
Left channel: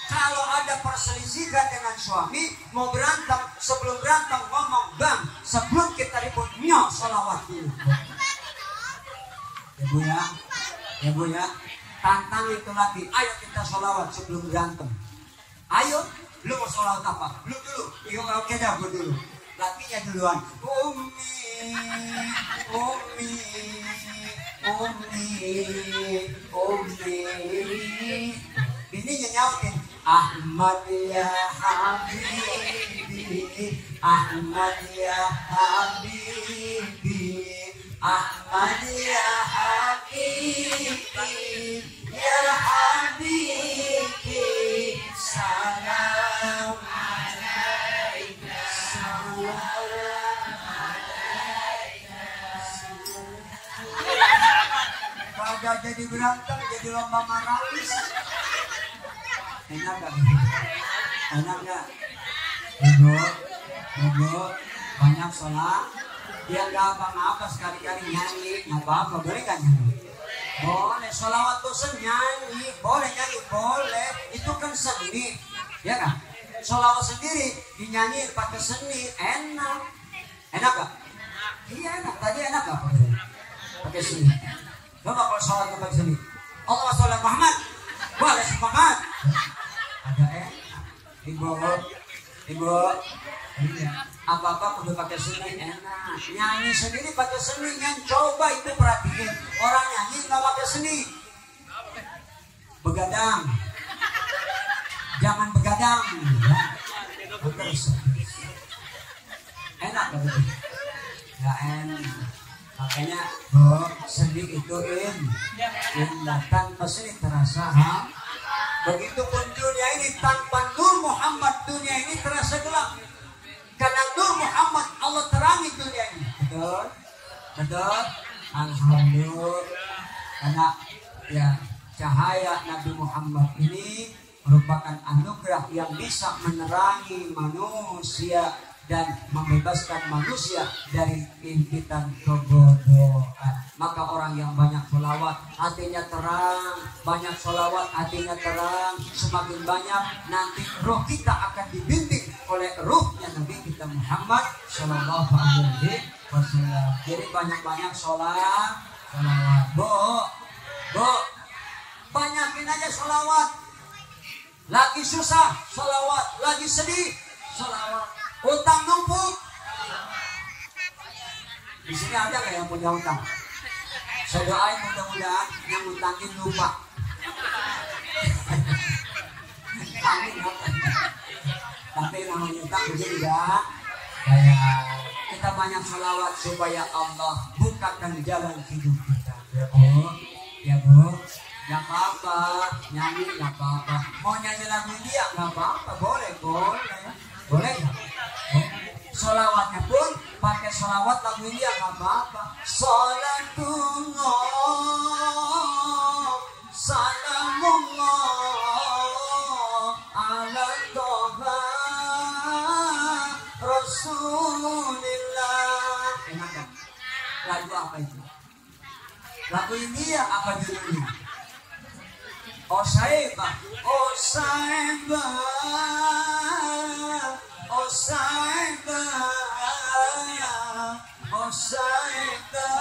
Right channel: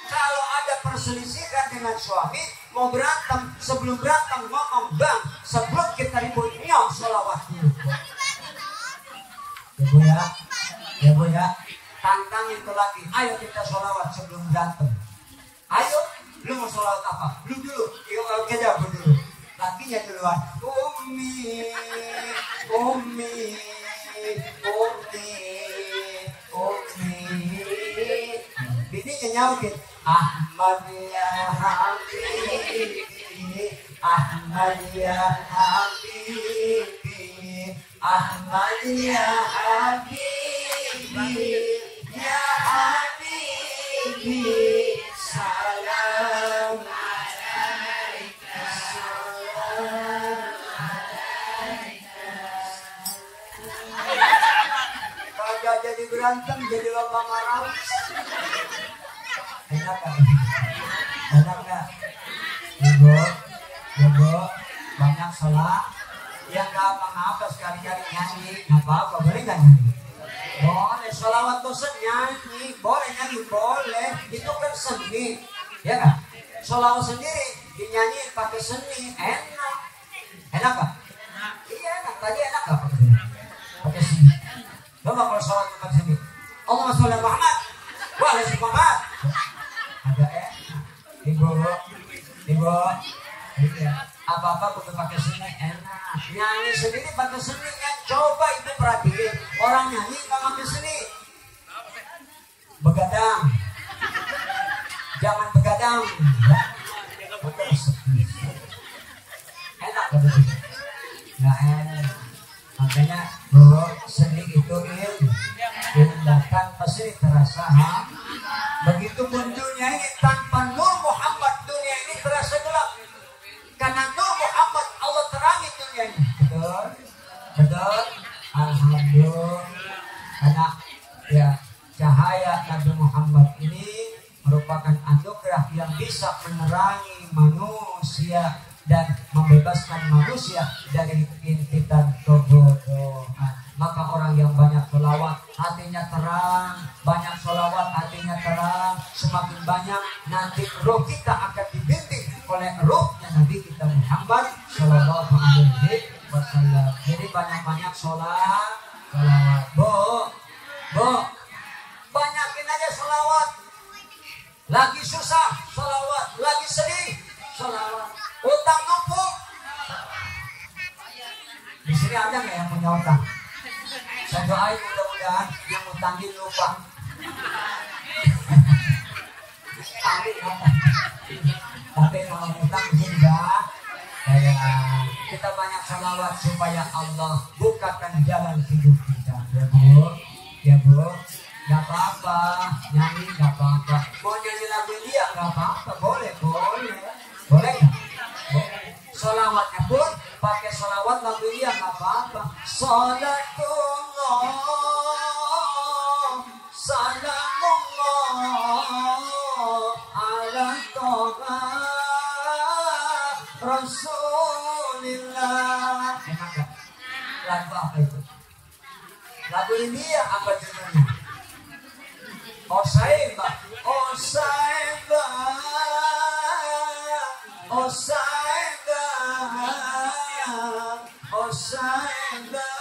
kalau ada perselisihan dengan suami mau berantem, sebelum berantem ngomong bang, sebelum kita ribut nyok sholawat dulu. Ya bu ya. Tantang itu lagi, ayo kita sholawat sebelum berantem. Ayo, lu mau sholawat apa? Lu dulu, kalau kita dulu. Lakinya duluan. Umi, bininya nyautin. Ahmad ya Habibi, Ahmad ya Habibi, Ahmad ya Habibi, ya Habibi, salam alaika, salam alaika. Kagak jadi berantem, jadi lomba marawis. Enak gak? Enak gak? Ibu, banyak sholat. Ya gak apa-apa sekali-kali nyanyi. Gak apa-apa, boleh gak nyanyi? Boleh, sholawat dosen nyanyi. Boleh nyanyi, boleh. Itu kan seni. Ya gak? Sholawat sendiri dinyanyi pakai seni. Enak. Enak gak? Iya enak, tadi enak gak pakai seni? Pakai seni. Coba kalau sholawat pakai seni. Allahumma sholli ala Muhammad wa ala ali Muhammad. Ada ibu, iya. Apa-apa kudu pakai seni enak. Nyanyi sendiri pakai seni yang coba itu perhatiin. Orang nyanyi nggak pakai seni. Begadang, jangan begadang. Enak begitu. Nggak enak. Makanya seni itu datang ke sini terasa Begitupun dunia ini tanpa Nur Muhammad, dunia ini terasa gelap. Karena Nur Muhammad Allah terangi dunia ini. Betul? Betul? Alhamdulillah. Karena ya cahaya Nabi Muhammad ini merupakan anugerah yang bisa menerangi manusia dan membebaskan manusia dari impitan kebodohan. Maka orang yang banyak sholawat hatinya terang, banyak sholawat hatinya terang, semakin banyak nanti roh kita akan dibimbing oleh rohnya Nabi kita Muhammad Sallallahu Alaihi Wasallam. Jadi banyak-banyak sholawat. Bu, banyakin aja sholawat. Lagi susah sholawat, lagi sedih sholawat, utang numpuk. Di sini ada nggak yang punya utang? Saya doain mudah-mudahan yang utangin lupa. Tapi namanya utang begini ya. Kayak kita banyak salawat supaya Allah bukakan jalan hidup kita. Ya bu, nggak apa-apa, nyanyi nggak apa-apa. nyanyi lagu India nggak apa-apa, boleh boleh ya. Sholawatnya pun pakai sholawat lagu India nggak apa-apa. Sholatullah salamullah ala toba Rasulillah. Enak gak? Lagu apa itu? Lagu India apa judulnya? Osaiba, Osaiba, Osaiba, Osaiba,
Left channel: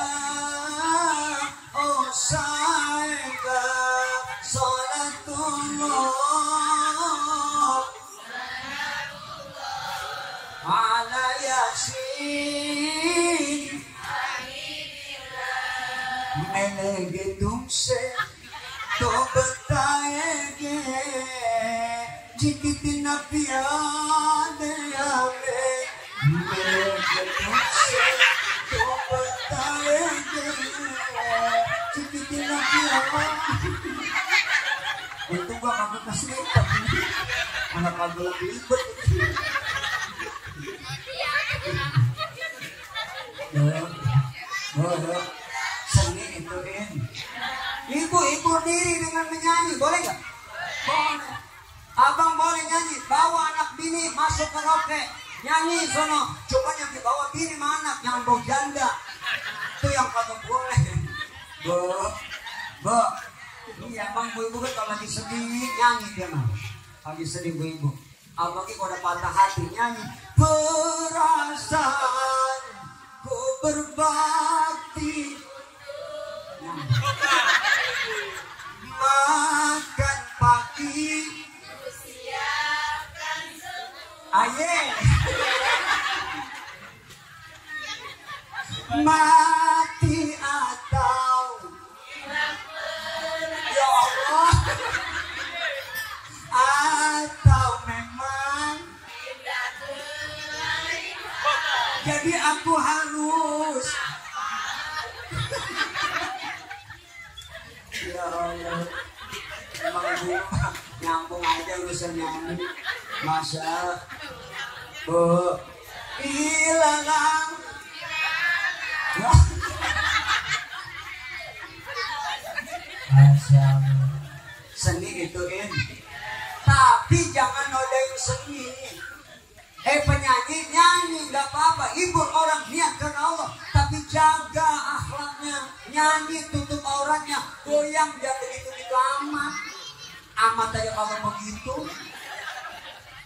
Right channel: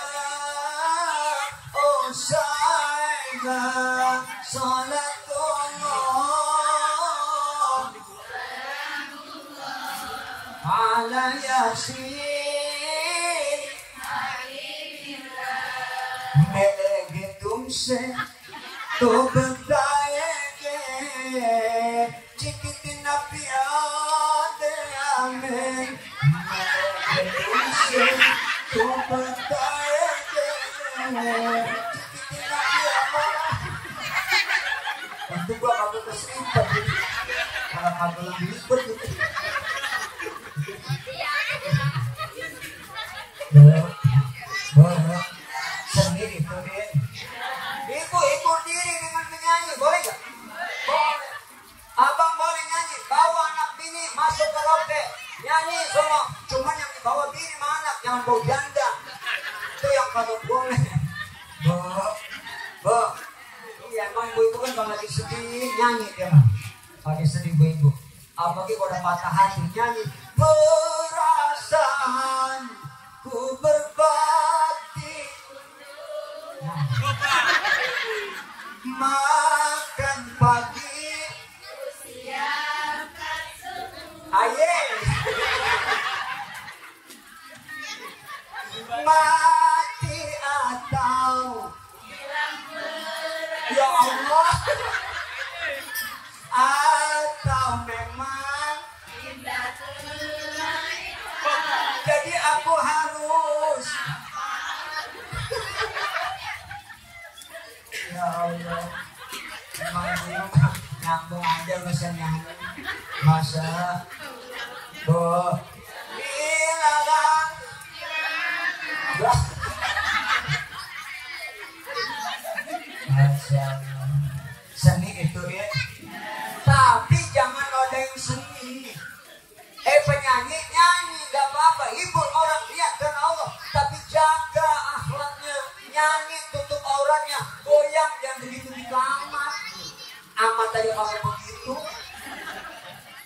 Osaiba, Salatullah ala Yasin melege tumse to बताएंगे जितना प्यार हमें तुमसे तो बताएंगे जितना प्यार. Untuk gua kagak keselipet karena kagak ribet itu. Seni ituin. Ibu diri dengan menyanyi, boleh gak? Boleh. Abang boleh nyanyi, bawa anak bini masuk karaoke, nyanyi sono. Cuman yang dibawa bini sama anak, jangan bawa janda. Itu yang kagak boleh. Bu, iya emang bu itu kan kalau lagi sedih nyanyi dia mah. Lagi sedih bu. Apalagi kalau udah patah hati nyanyi. Perasaan ku berbakti. Makan pagi siapkan aye mati atau ya Allah atau memang jadi aku harus ya Allah, emang gue nyambung aja urusan nyanyi. Masa bu ilalang Masya Allah. Seni ituin, tapi jangan ada yang seni. Penyanyi nyanyi nggak apa-apa, hibur orang niat karena Allah, tapi jaga akhlaknya. Nyanyi tutup auratnya, goyang jangan begitu-gitu amat. Amat aja orang begitu.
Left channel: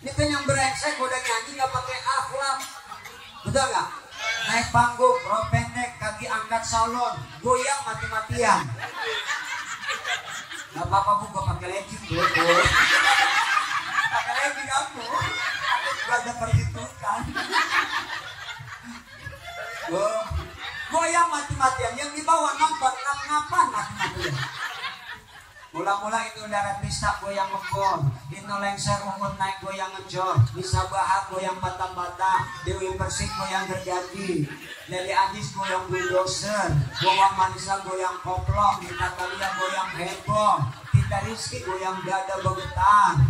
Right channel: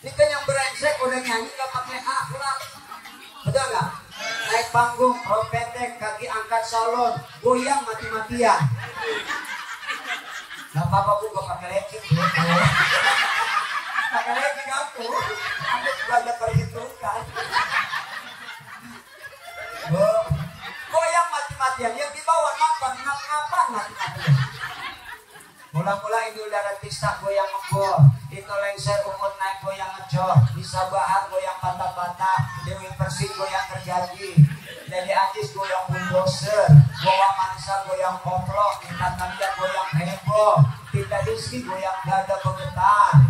Ini kan yang brengsek udah nyanyi nggak pakai akhlak, betul nggak? Naik panggung, rok pendek, kaki angkat salon, goyang mati-matian. Nggak apa-apa bu, gue pakai legging bu. Pakai legging aku juga ada perhitungan. Goyang mati-matian, yang dibawa ngapa mati-matian. Mula-mula itu darat pista goyang ngebor, itu lengser umur naik goyang ngejor, bisa bahar goyang bata-bata, Dewi Persik goyang gergaji, Leli Ajis goyang bulldozer, goyang Manisa goyang koplok, Natalia goyang heboh, Tita Rizky goyang dada bergetar,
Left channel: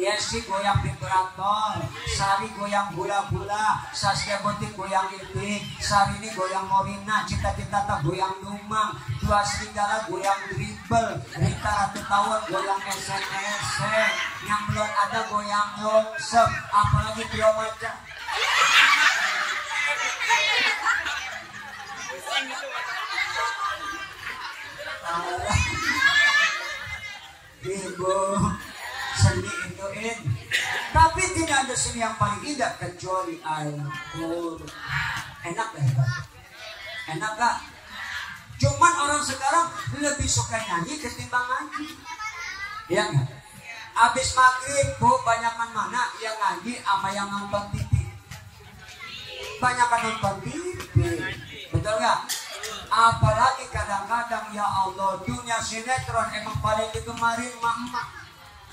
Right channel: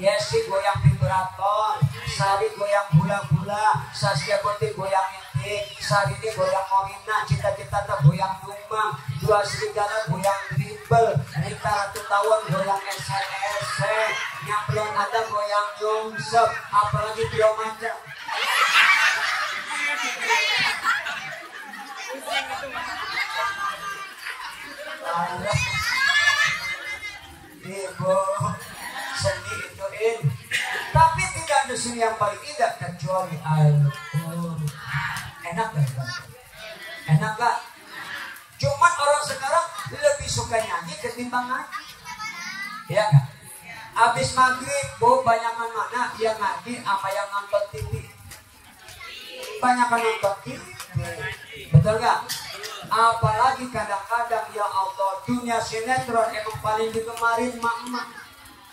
Yesi goyang vibrator, Sari goyang hula-hula, Saskia Putih goyang itik, Sarini goyang Morina, Cita-Cita goyang Numang, Dua Serigala goyang dribble, Rita Ratu Tawon goyang SNS, yang belum ada goyang longsep, apalagi belum ada. Ibu seni ituin, tapi tidak ada seni yang paling indah kecuali Al-Qur'an. Enak gak? Enak gak? Cuman orang sekarang lebih suka nyanyi ketimbang ngaji, ya nggak? Abis maghrib, bu, banyakan mana yang ngaji apa yang nonton TV? Banyakan nonton TV, betul gak? Apalagi kadang-kadang ya Allah, dunia sinetron emang paling digemarin emak-emak.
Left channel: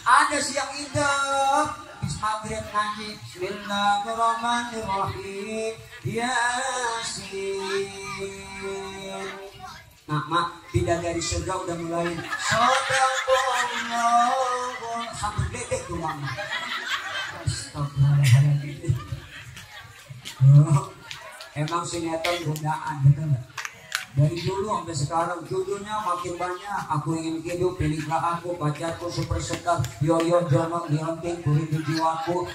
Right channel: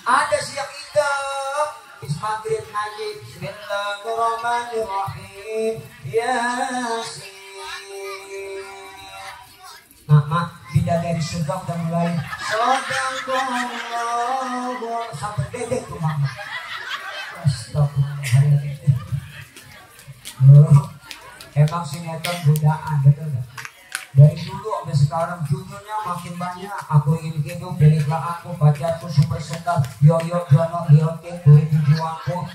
Ada siang idap, bis maghrib ngaji Bismillahirrahmanirrahim Yasin. Nah mak, bidadari surga udah mulai Sadaqallahu sampai film sinetron godaan, betul nggak? Dari dulu sampai sekarang judulnya makin banyak. Aku ingin hidup, pilihlah aku, pacarku superstar, yoyo jono direngking, turi di jiwaku,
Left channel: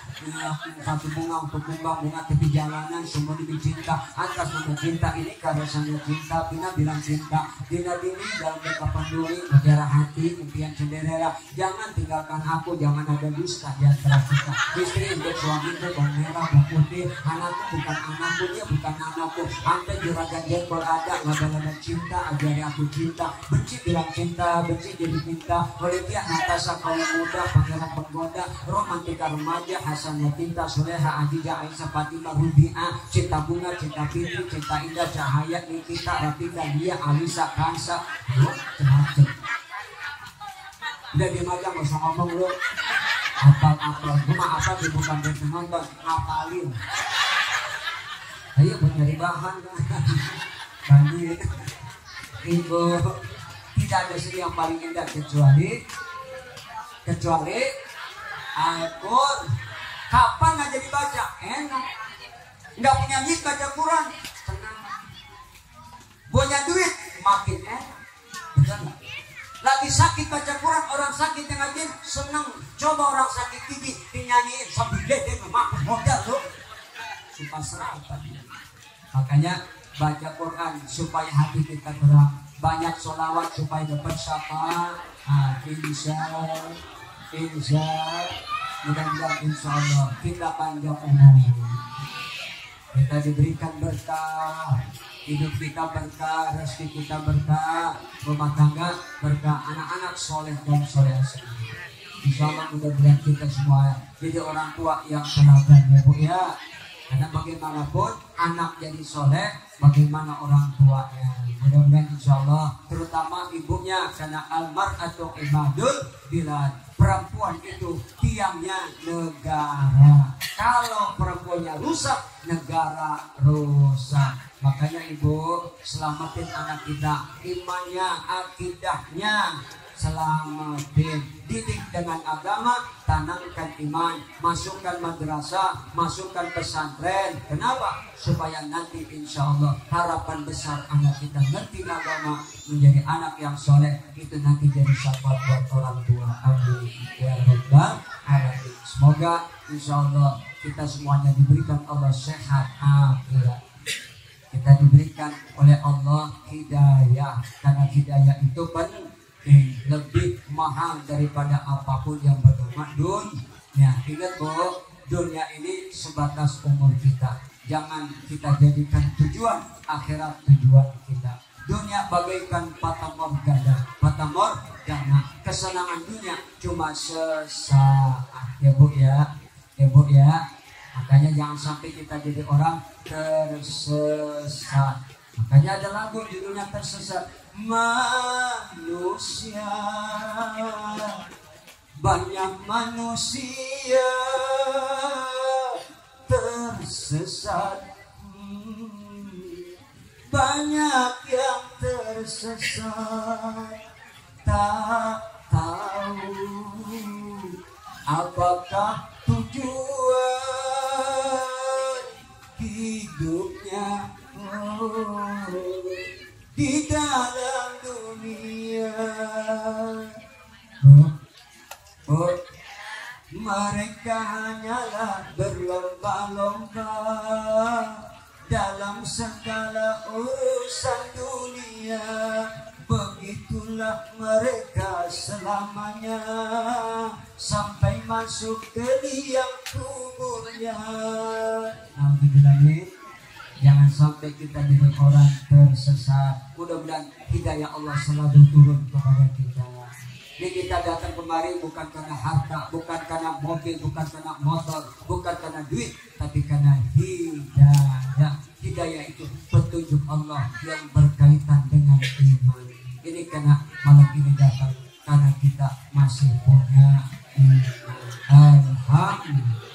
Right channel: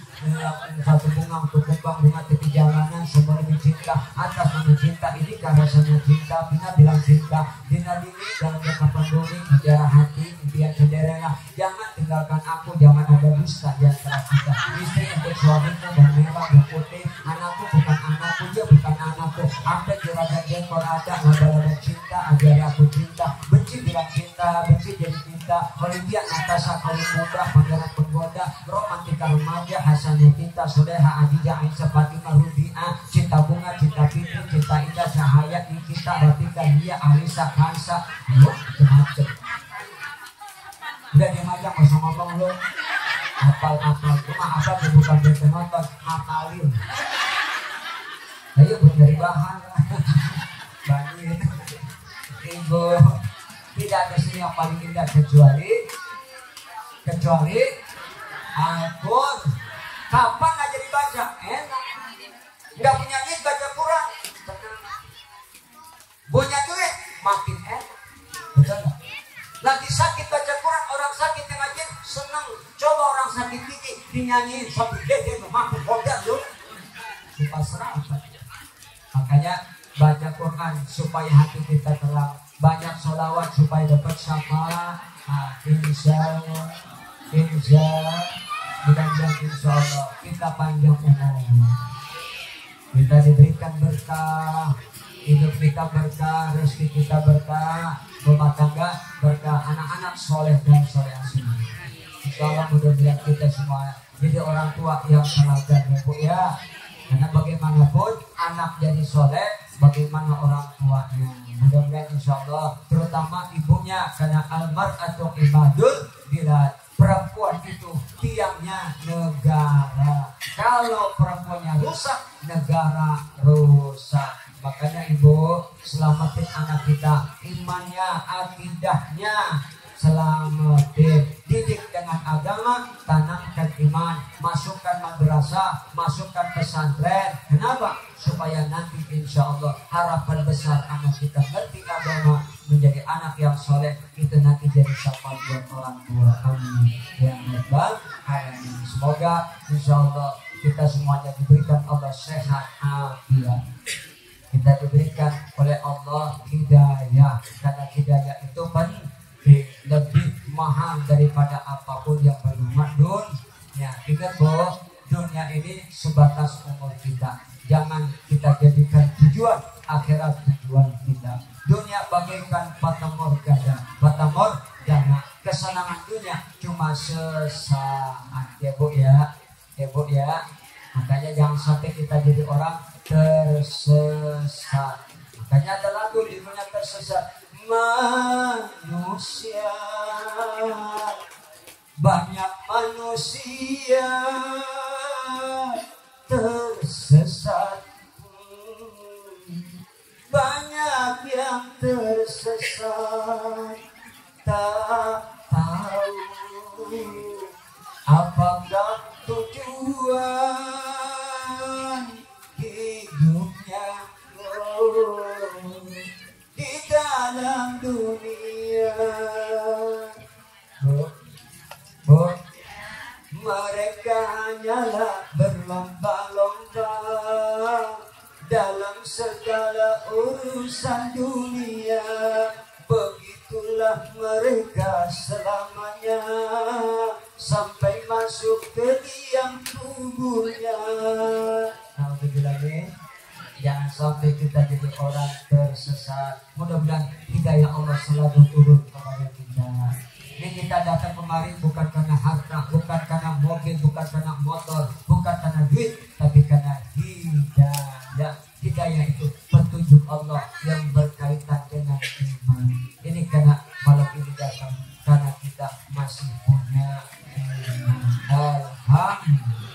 satu bunga untuk kembang bunga tepi jalanan, semua demi cinta, atas nama cinta ini karena rasanya cinta, Pina bilang cinta, Dina dini dalam kata peduli, mutiara hati, impian Cinderella, jangan tinggalkan aku, jangan ada dusta di antara kita, istri untuk suamiku, merah putih, anakku bukan anakku, dia bukan anakku, sampai juragan jengkol ada cinta, agar aku cinta, benci bilang cinta, benci jadi cinta, Olivia Natasha kalau muda, pangeran penggoda, romantika remaja, Hasannya cinta, Soleha, Adija, Aisyah, Fatimah, Rubiah, cinta bunga, cinta fitri, cinta indah, Cahaya, Nikita, Ratika, Dia, Alisa, Kansa, lo macam-macam. Udah diam aja, nggak usah ngomong lo. Apal-apal, gue mah asal gue bukan dia penonton, ngapalin. Ayo gue nyari bahan. Bandit, ibu tidak ada sini yang paling indah kecuali Al-Qur'an. Kapan nggak jadi baca? Enak. Nggak punya duit baca Quran, tenang. Punya duit makin enak, betul nggak? Lagi sakit baca Quran, orang sakit yang ngaji senang. Coba orang sakit gigi dinyanyiin sampai dede mampu modal loh, suka serap tadi. Makanya baca Quran supaya hati kita terang, banyak sholawat supaya dapat syafaat. Mudah-mudahan insya Allah kita panjang umur, kita diberikan berkah, hidup kita berkah, rezeki kita berkah, rumah tangga berkah, anak-anak soleh dan soleh semua. Insya Allah mudah-mudahan kita semua jadi orang tua yang teladan ya Bu ya. Karena bagaimanapun anak jadi soleh, bagaimana orang tuanya. Mudah-mudahan insya Allah, terutama ibunya, karena almar'atu imadul bilad, perempuan itu tiangnya negara. Kalau perempuannya rusak, negara rusak. Makanya ibu selamatin anak kita, imannya, akidahnya, selamatin, didik dengan agama, tanamkan iman, masukkan madrasah, masukkan pesantren. Kenapa? Supaya nanti insya Allah harapan besar anak kita ngerti agama, menjadi anak yang soleh, itu nanti jadi syafaat buat orang tua. Amin ya rabbal alamin. Semoga insya Allah kita semuanya diberikan Allah sehat afiat. Kita diberikan oleh Allah hidayah, karena hidayah itu lebih mahal daripada apapun yang bernama dunia. Ingat Bu, dunia ini sebatas umur kita. Jangan kita jadikan tujuan akhirat tujuan kita. Dunia bagaikan fata morgana, kesenangan dunia cuma sesaat ya Bu ya, Makanya jangan sampai kita jadi orang tersesat. Makanya ada lagu di dunia tersesat. Manusia, banyak manusia tersesat, banyak yang tersesat, tak tahu apakah tujuan hidupnya. Di dalam dunia, mereka hanyalah berlomba-lomba dalam segala urusan dunia. Begitulah mereka selamanya sampai masuk ke liang kuburnya. Nah, dibilangin jangan sampai kita jadi orang tersesat. Mudah-mudahan hidayah Allah selalu turun kepada kita. Ini kita datang kemari bukan karena harta, bukan karena mobil, bukan karena motor, bukan karena duit, tapi karena hidayah. Hidayah itu petunjuk Allah yang berkaitan dengan iman. Ini karena malam ini datang karena kita masih punya iman. Alhamdulillah.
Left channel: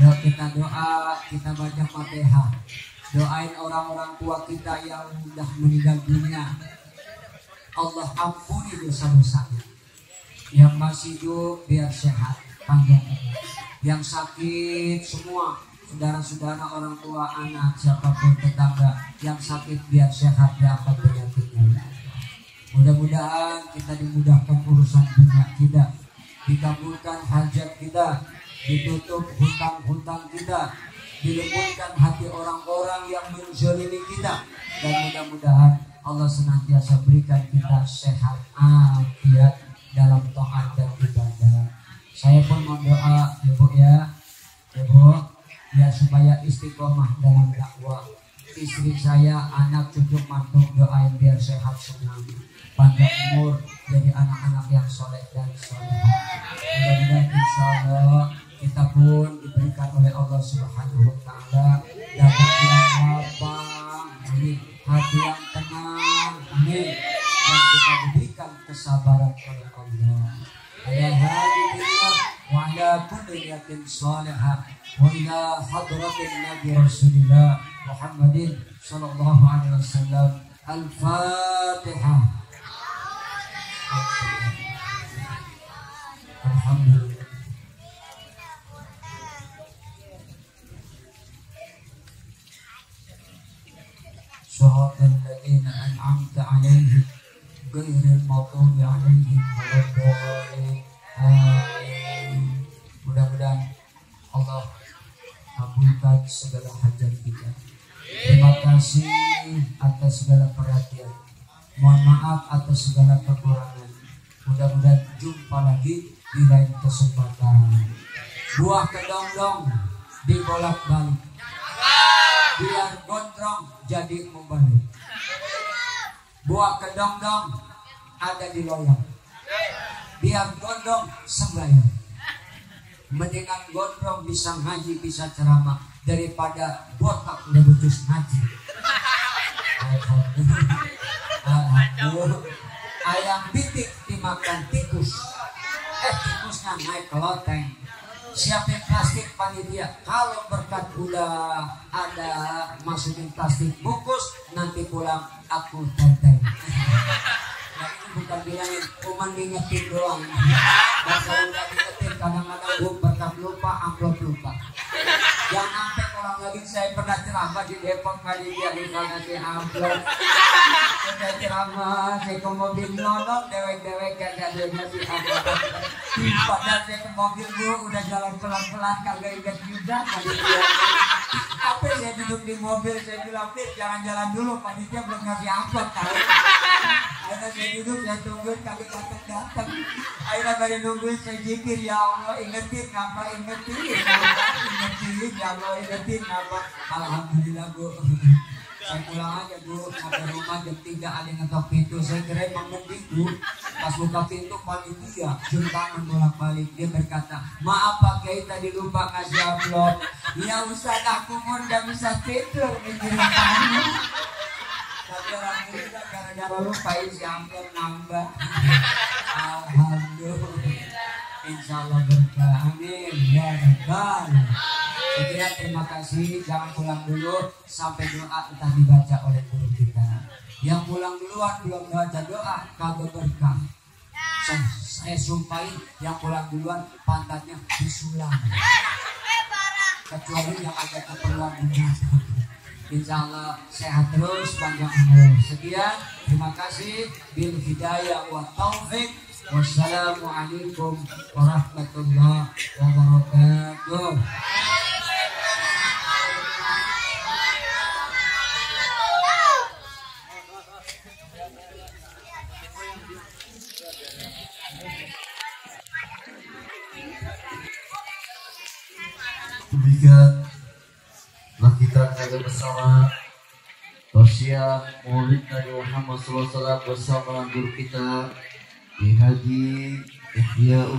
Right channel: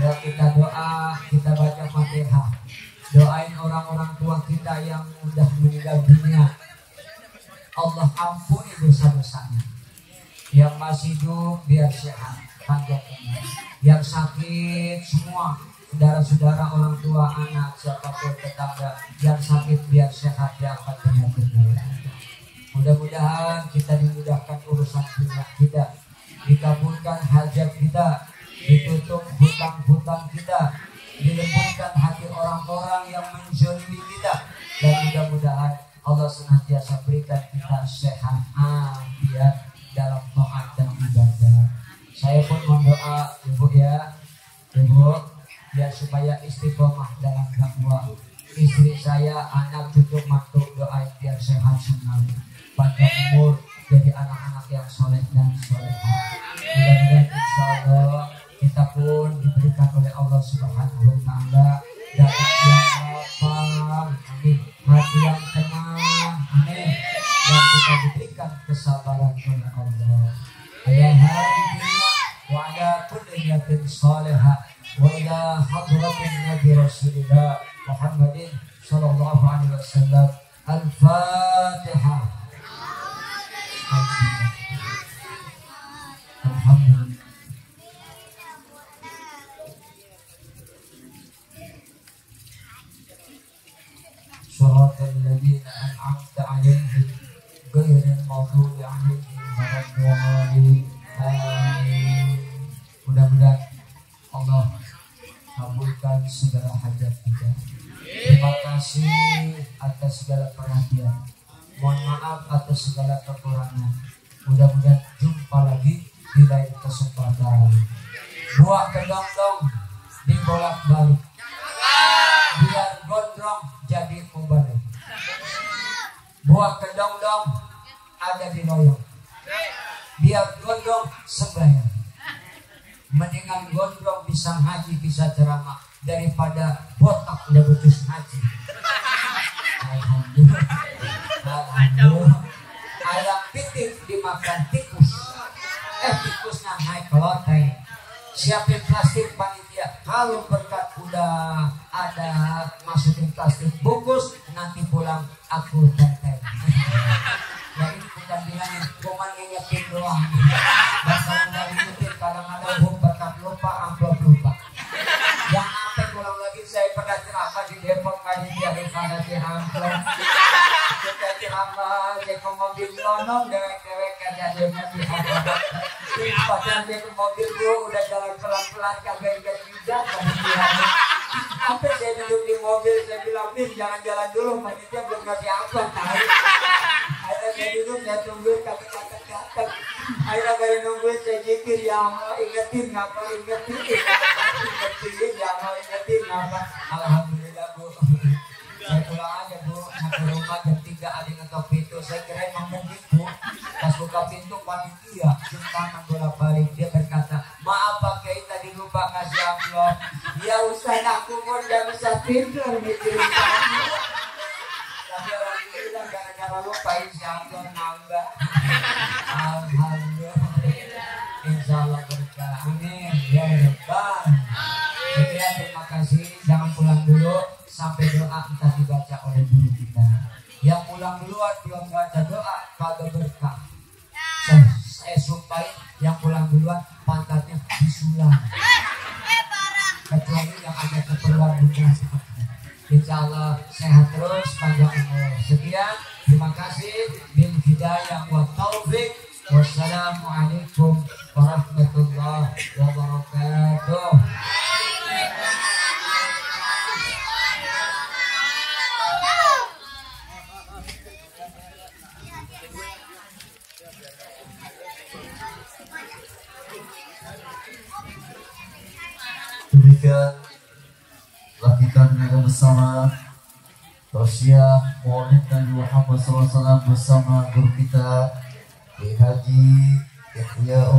Ya, kita doa, kita baca Fatihah. Doain orang-orang tua kita yang sudah meninggal dunia. Allah ampuni dosa-dosanya. Yang masih hidup biar sehat, panjang umur. Yang sakit semua saudara-saudara, orang tua, anak, siapapun tetangga yang sakit biar sehat, diangkat penyakitnya. Mudah-mudahan kita dimudahkan urusan dunia kita, dikabulkan hajat kita, ditutup hutang-hutang kita, dilembutkan hati orang-orang yang menzalimi kita, dan mudah-mudahan Allah senantiasa berikan kita sehat afiat dalam taat dan ibadah. Saya pun berdoa Ibu ya, Ibu ya, supaya istiqomah dalam dakwah. Istri saya, anak, cucu, mantu, doain biar sehat semua, panjang umur, jadi anak-anak yang soleh dan solehah. Mudah-mudahan insya Allah kita pun diberikan oleh Allah Subhanahu wa Ta'ala dapat yang lapang, amin, hati yang tenang, amin, dan kita diberikan kesabaran oleh Allah. Ila hadhihi wa ala kulli niyatin salihah wa ila hadratin Nabi Rasulillah Muhammadin sallallahu alaihi wasallam. Al-Fatihah. Alhamdulillah. Shiratal ladzina an'amta 'alaihim ghairil maghdubi 'alaihim waladdallin. Amin. Mudah-mudahan Allah kabulkan segala hajat kita. Terima kasih atas segala perhatian. Mohon maaf atas segala kekurangan. Mudah-mudahan jumpa lagi di lain kesempatan. Buah kedong-dong dibolak-balik, biar gondrong jadi mubalik. Buah kedong-dong ada di loyang, biar gondrong sembahyang. Mendingan gondrong bisa ngaji, bisa ceramah, daripada botak lebetus ngaji. Alhamdulillah. Ayam pitik dimakan tikus, tikusnya naik ke loteng. Siapin plastik panitia, kalau berkat udah ada masukin plastik bungkus, nanti pulang aku tenteng. Ya ini bukan bilangin cuman ngingetin doang. Dan kalau nggak ngingetin kadang-kadang berkat lupa, amplop lupa. Yang sampai pulang lagi, saya pernah ceramah di Depok, kali dia dikasih amplop. Saya ceramah, saya ke mobil nonong, dewek-dewek kagak ada ngasih apa-apa. Padahal saya ke mobil gue udah jalan pelan-pelan, kagak inget bijak. Sampai saya duduk di mobil, saya bilang, jangan jalan dulu, panitia belum ngasih amplop tahu. Akhirnya saya duduk, saya tungguin, kagak datang. Akhirnya baru nungguin, saya zikir, ya Allah ingetin ngapa, ingetin ya Allah ingetin ngapa. Alhamdulillah Bu, saya pulang aja Bu, sampai rumah jam 3 ada ngetok pintu. Saya kira emang mending Bu, pas buka pintu panitia cium tangan bolak-balik. Dia berkata, maaf Pak Kiai tadi lupa kasih amplop. Ya Ustaz, aku pun gak bisa tidur mikirin kamu. Tapi alhamdulillah gara-gara lupain si amplop nambah. Alhamdulillah, insya Allah berkah, amin ya Rabbal. Sekian, terima kasih. Jangan pulang dulu sampai doa entah dibaca oleh guru kita. Yang pulang duluan belum baca doa kagak berkah. Saya sumpahin yang pulang duluan pantatnya disulam. Kecuali yang ada keperluan benar. Insya Allah sehat terus, panjang umur. Sekian, terima kasih. Bil hidayah wa taufik. Wassalamualaikum warahmatullahi wabarakatuh. Demikian telah kita menjaga bersama tausiah Maulid Nabi Muhammad SAW bersama guru kita di Haji Ihya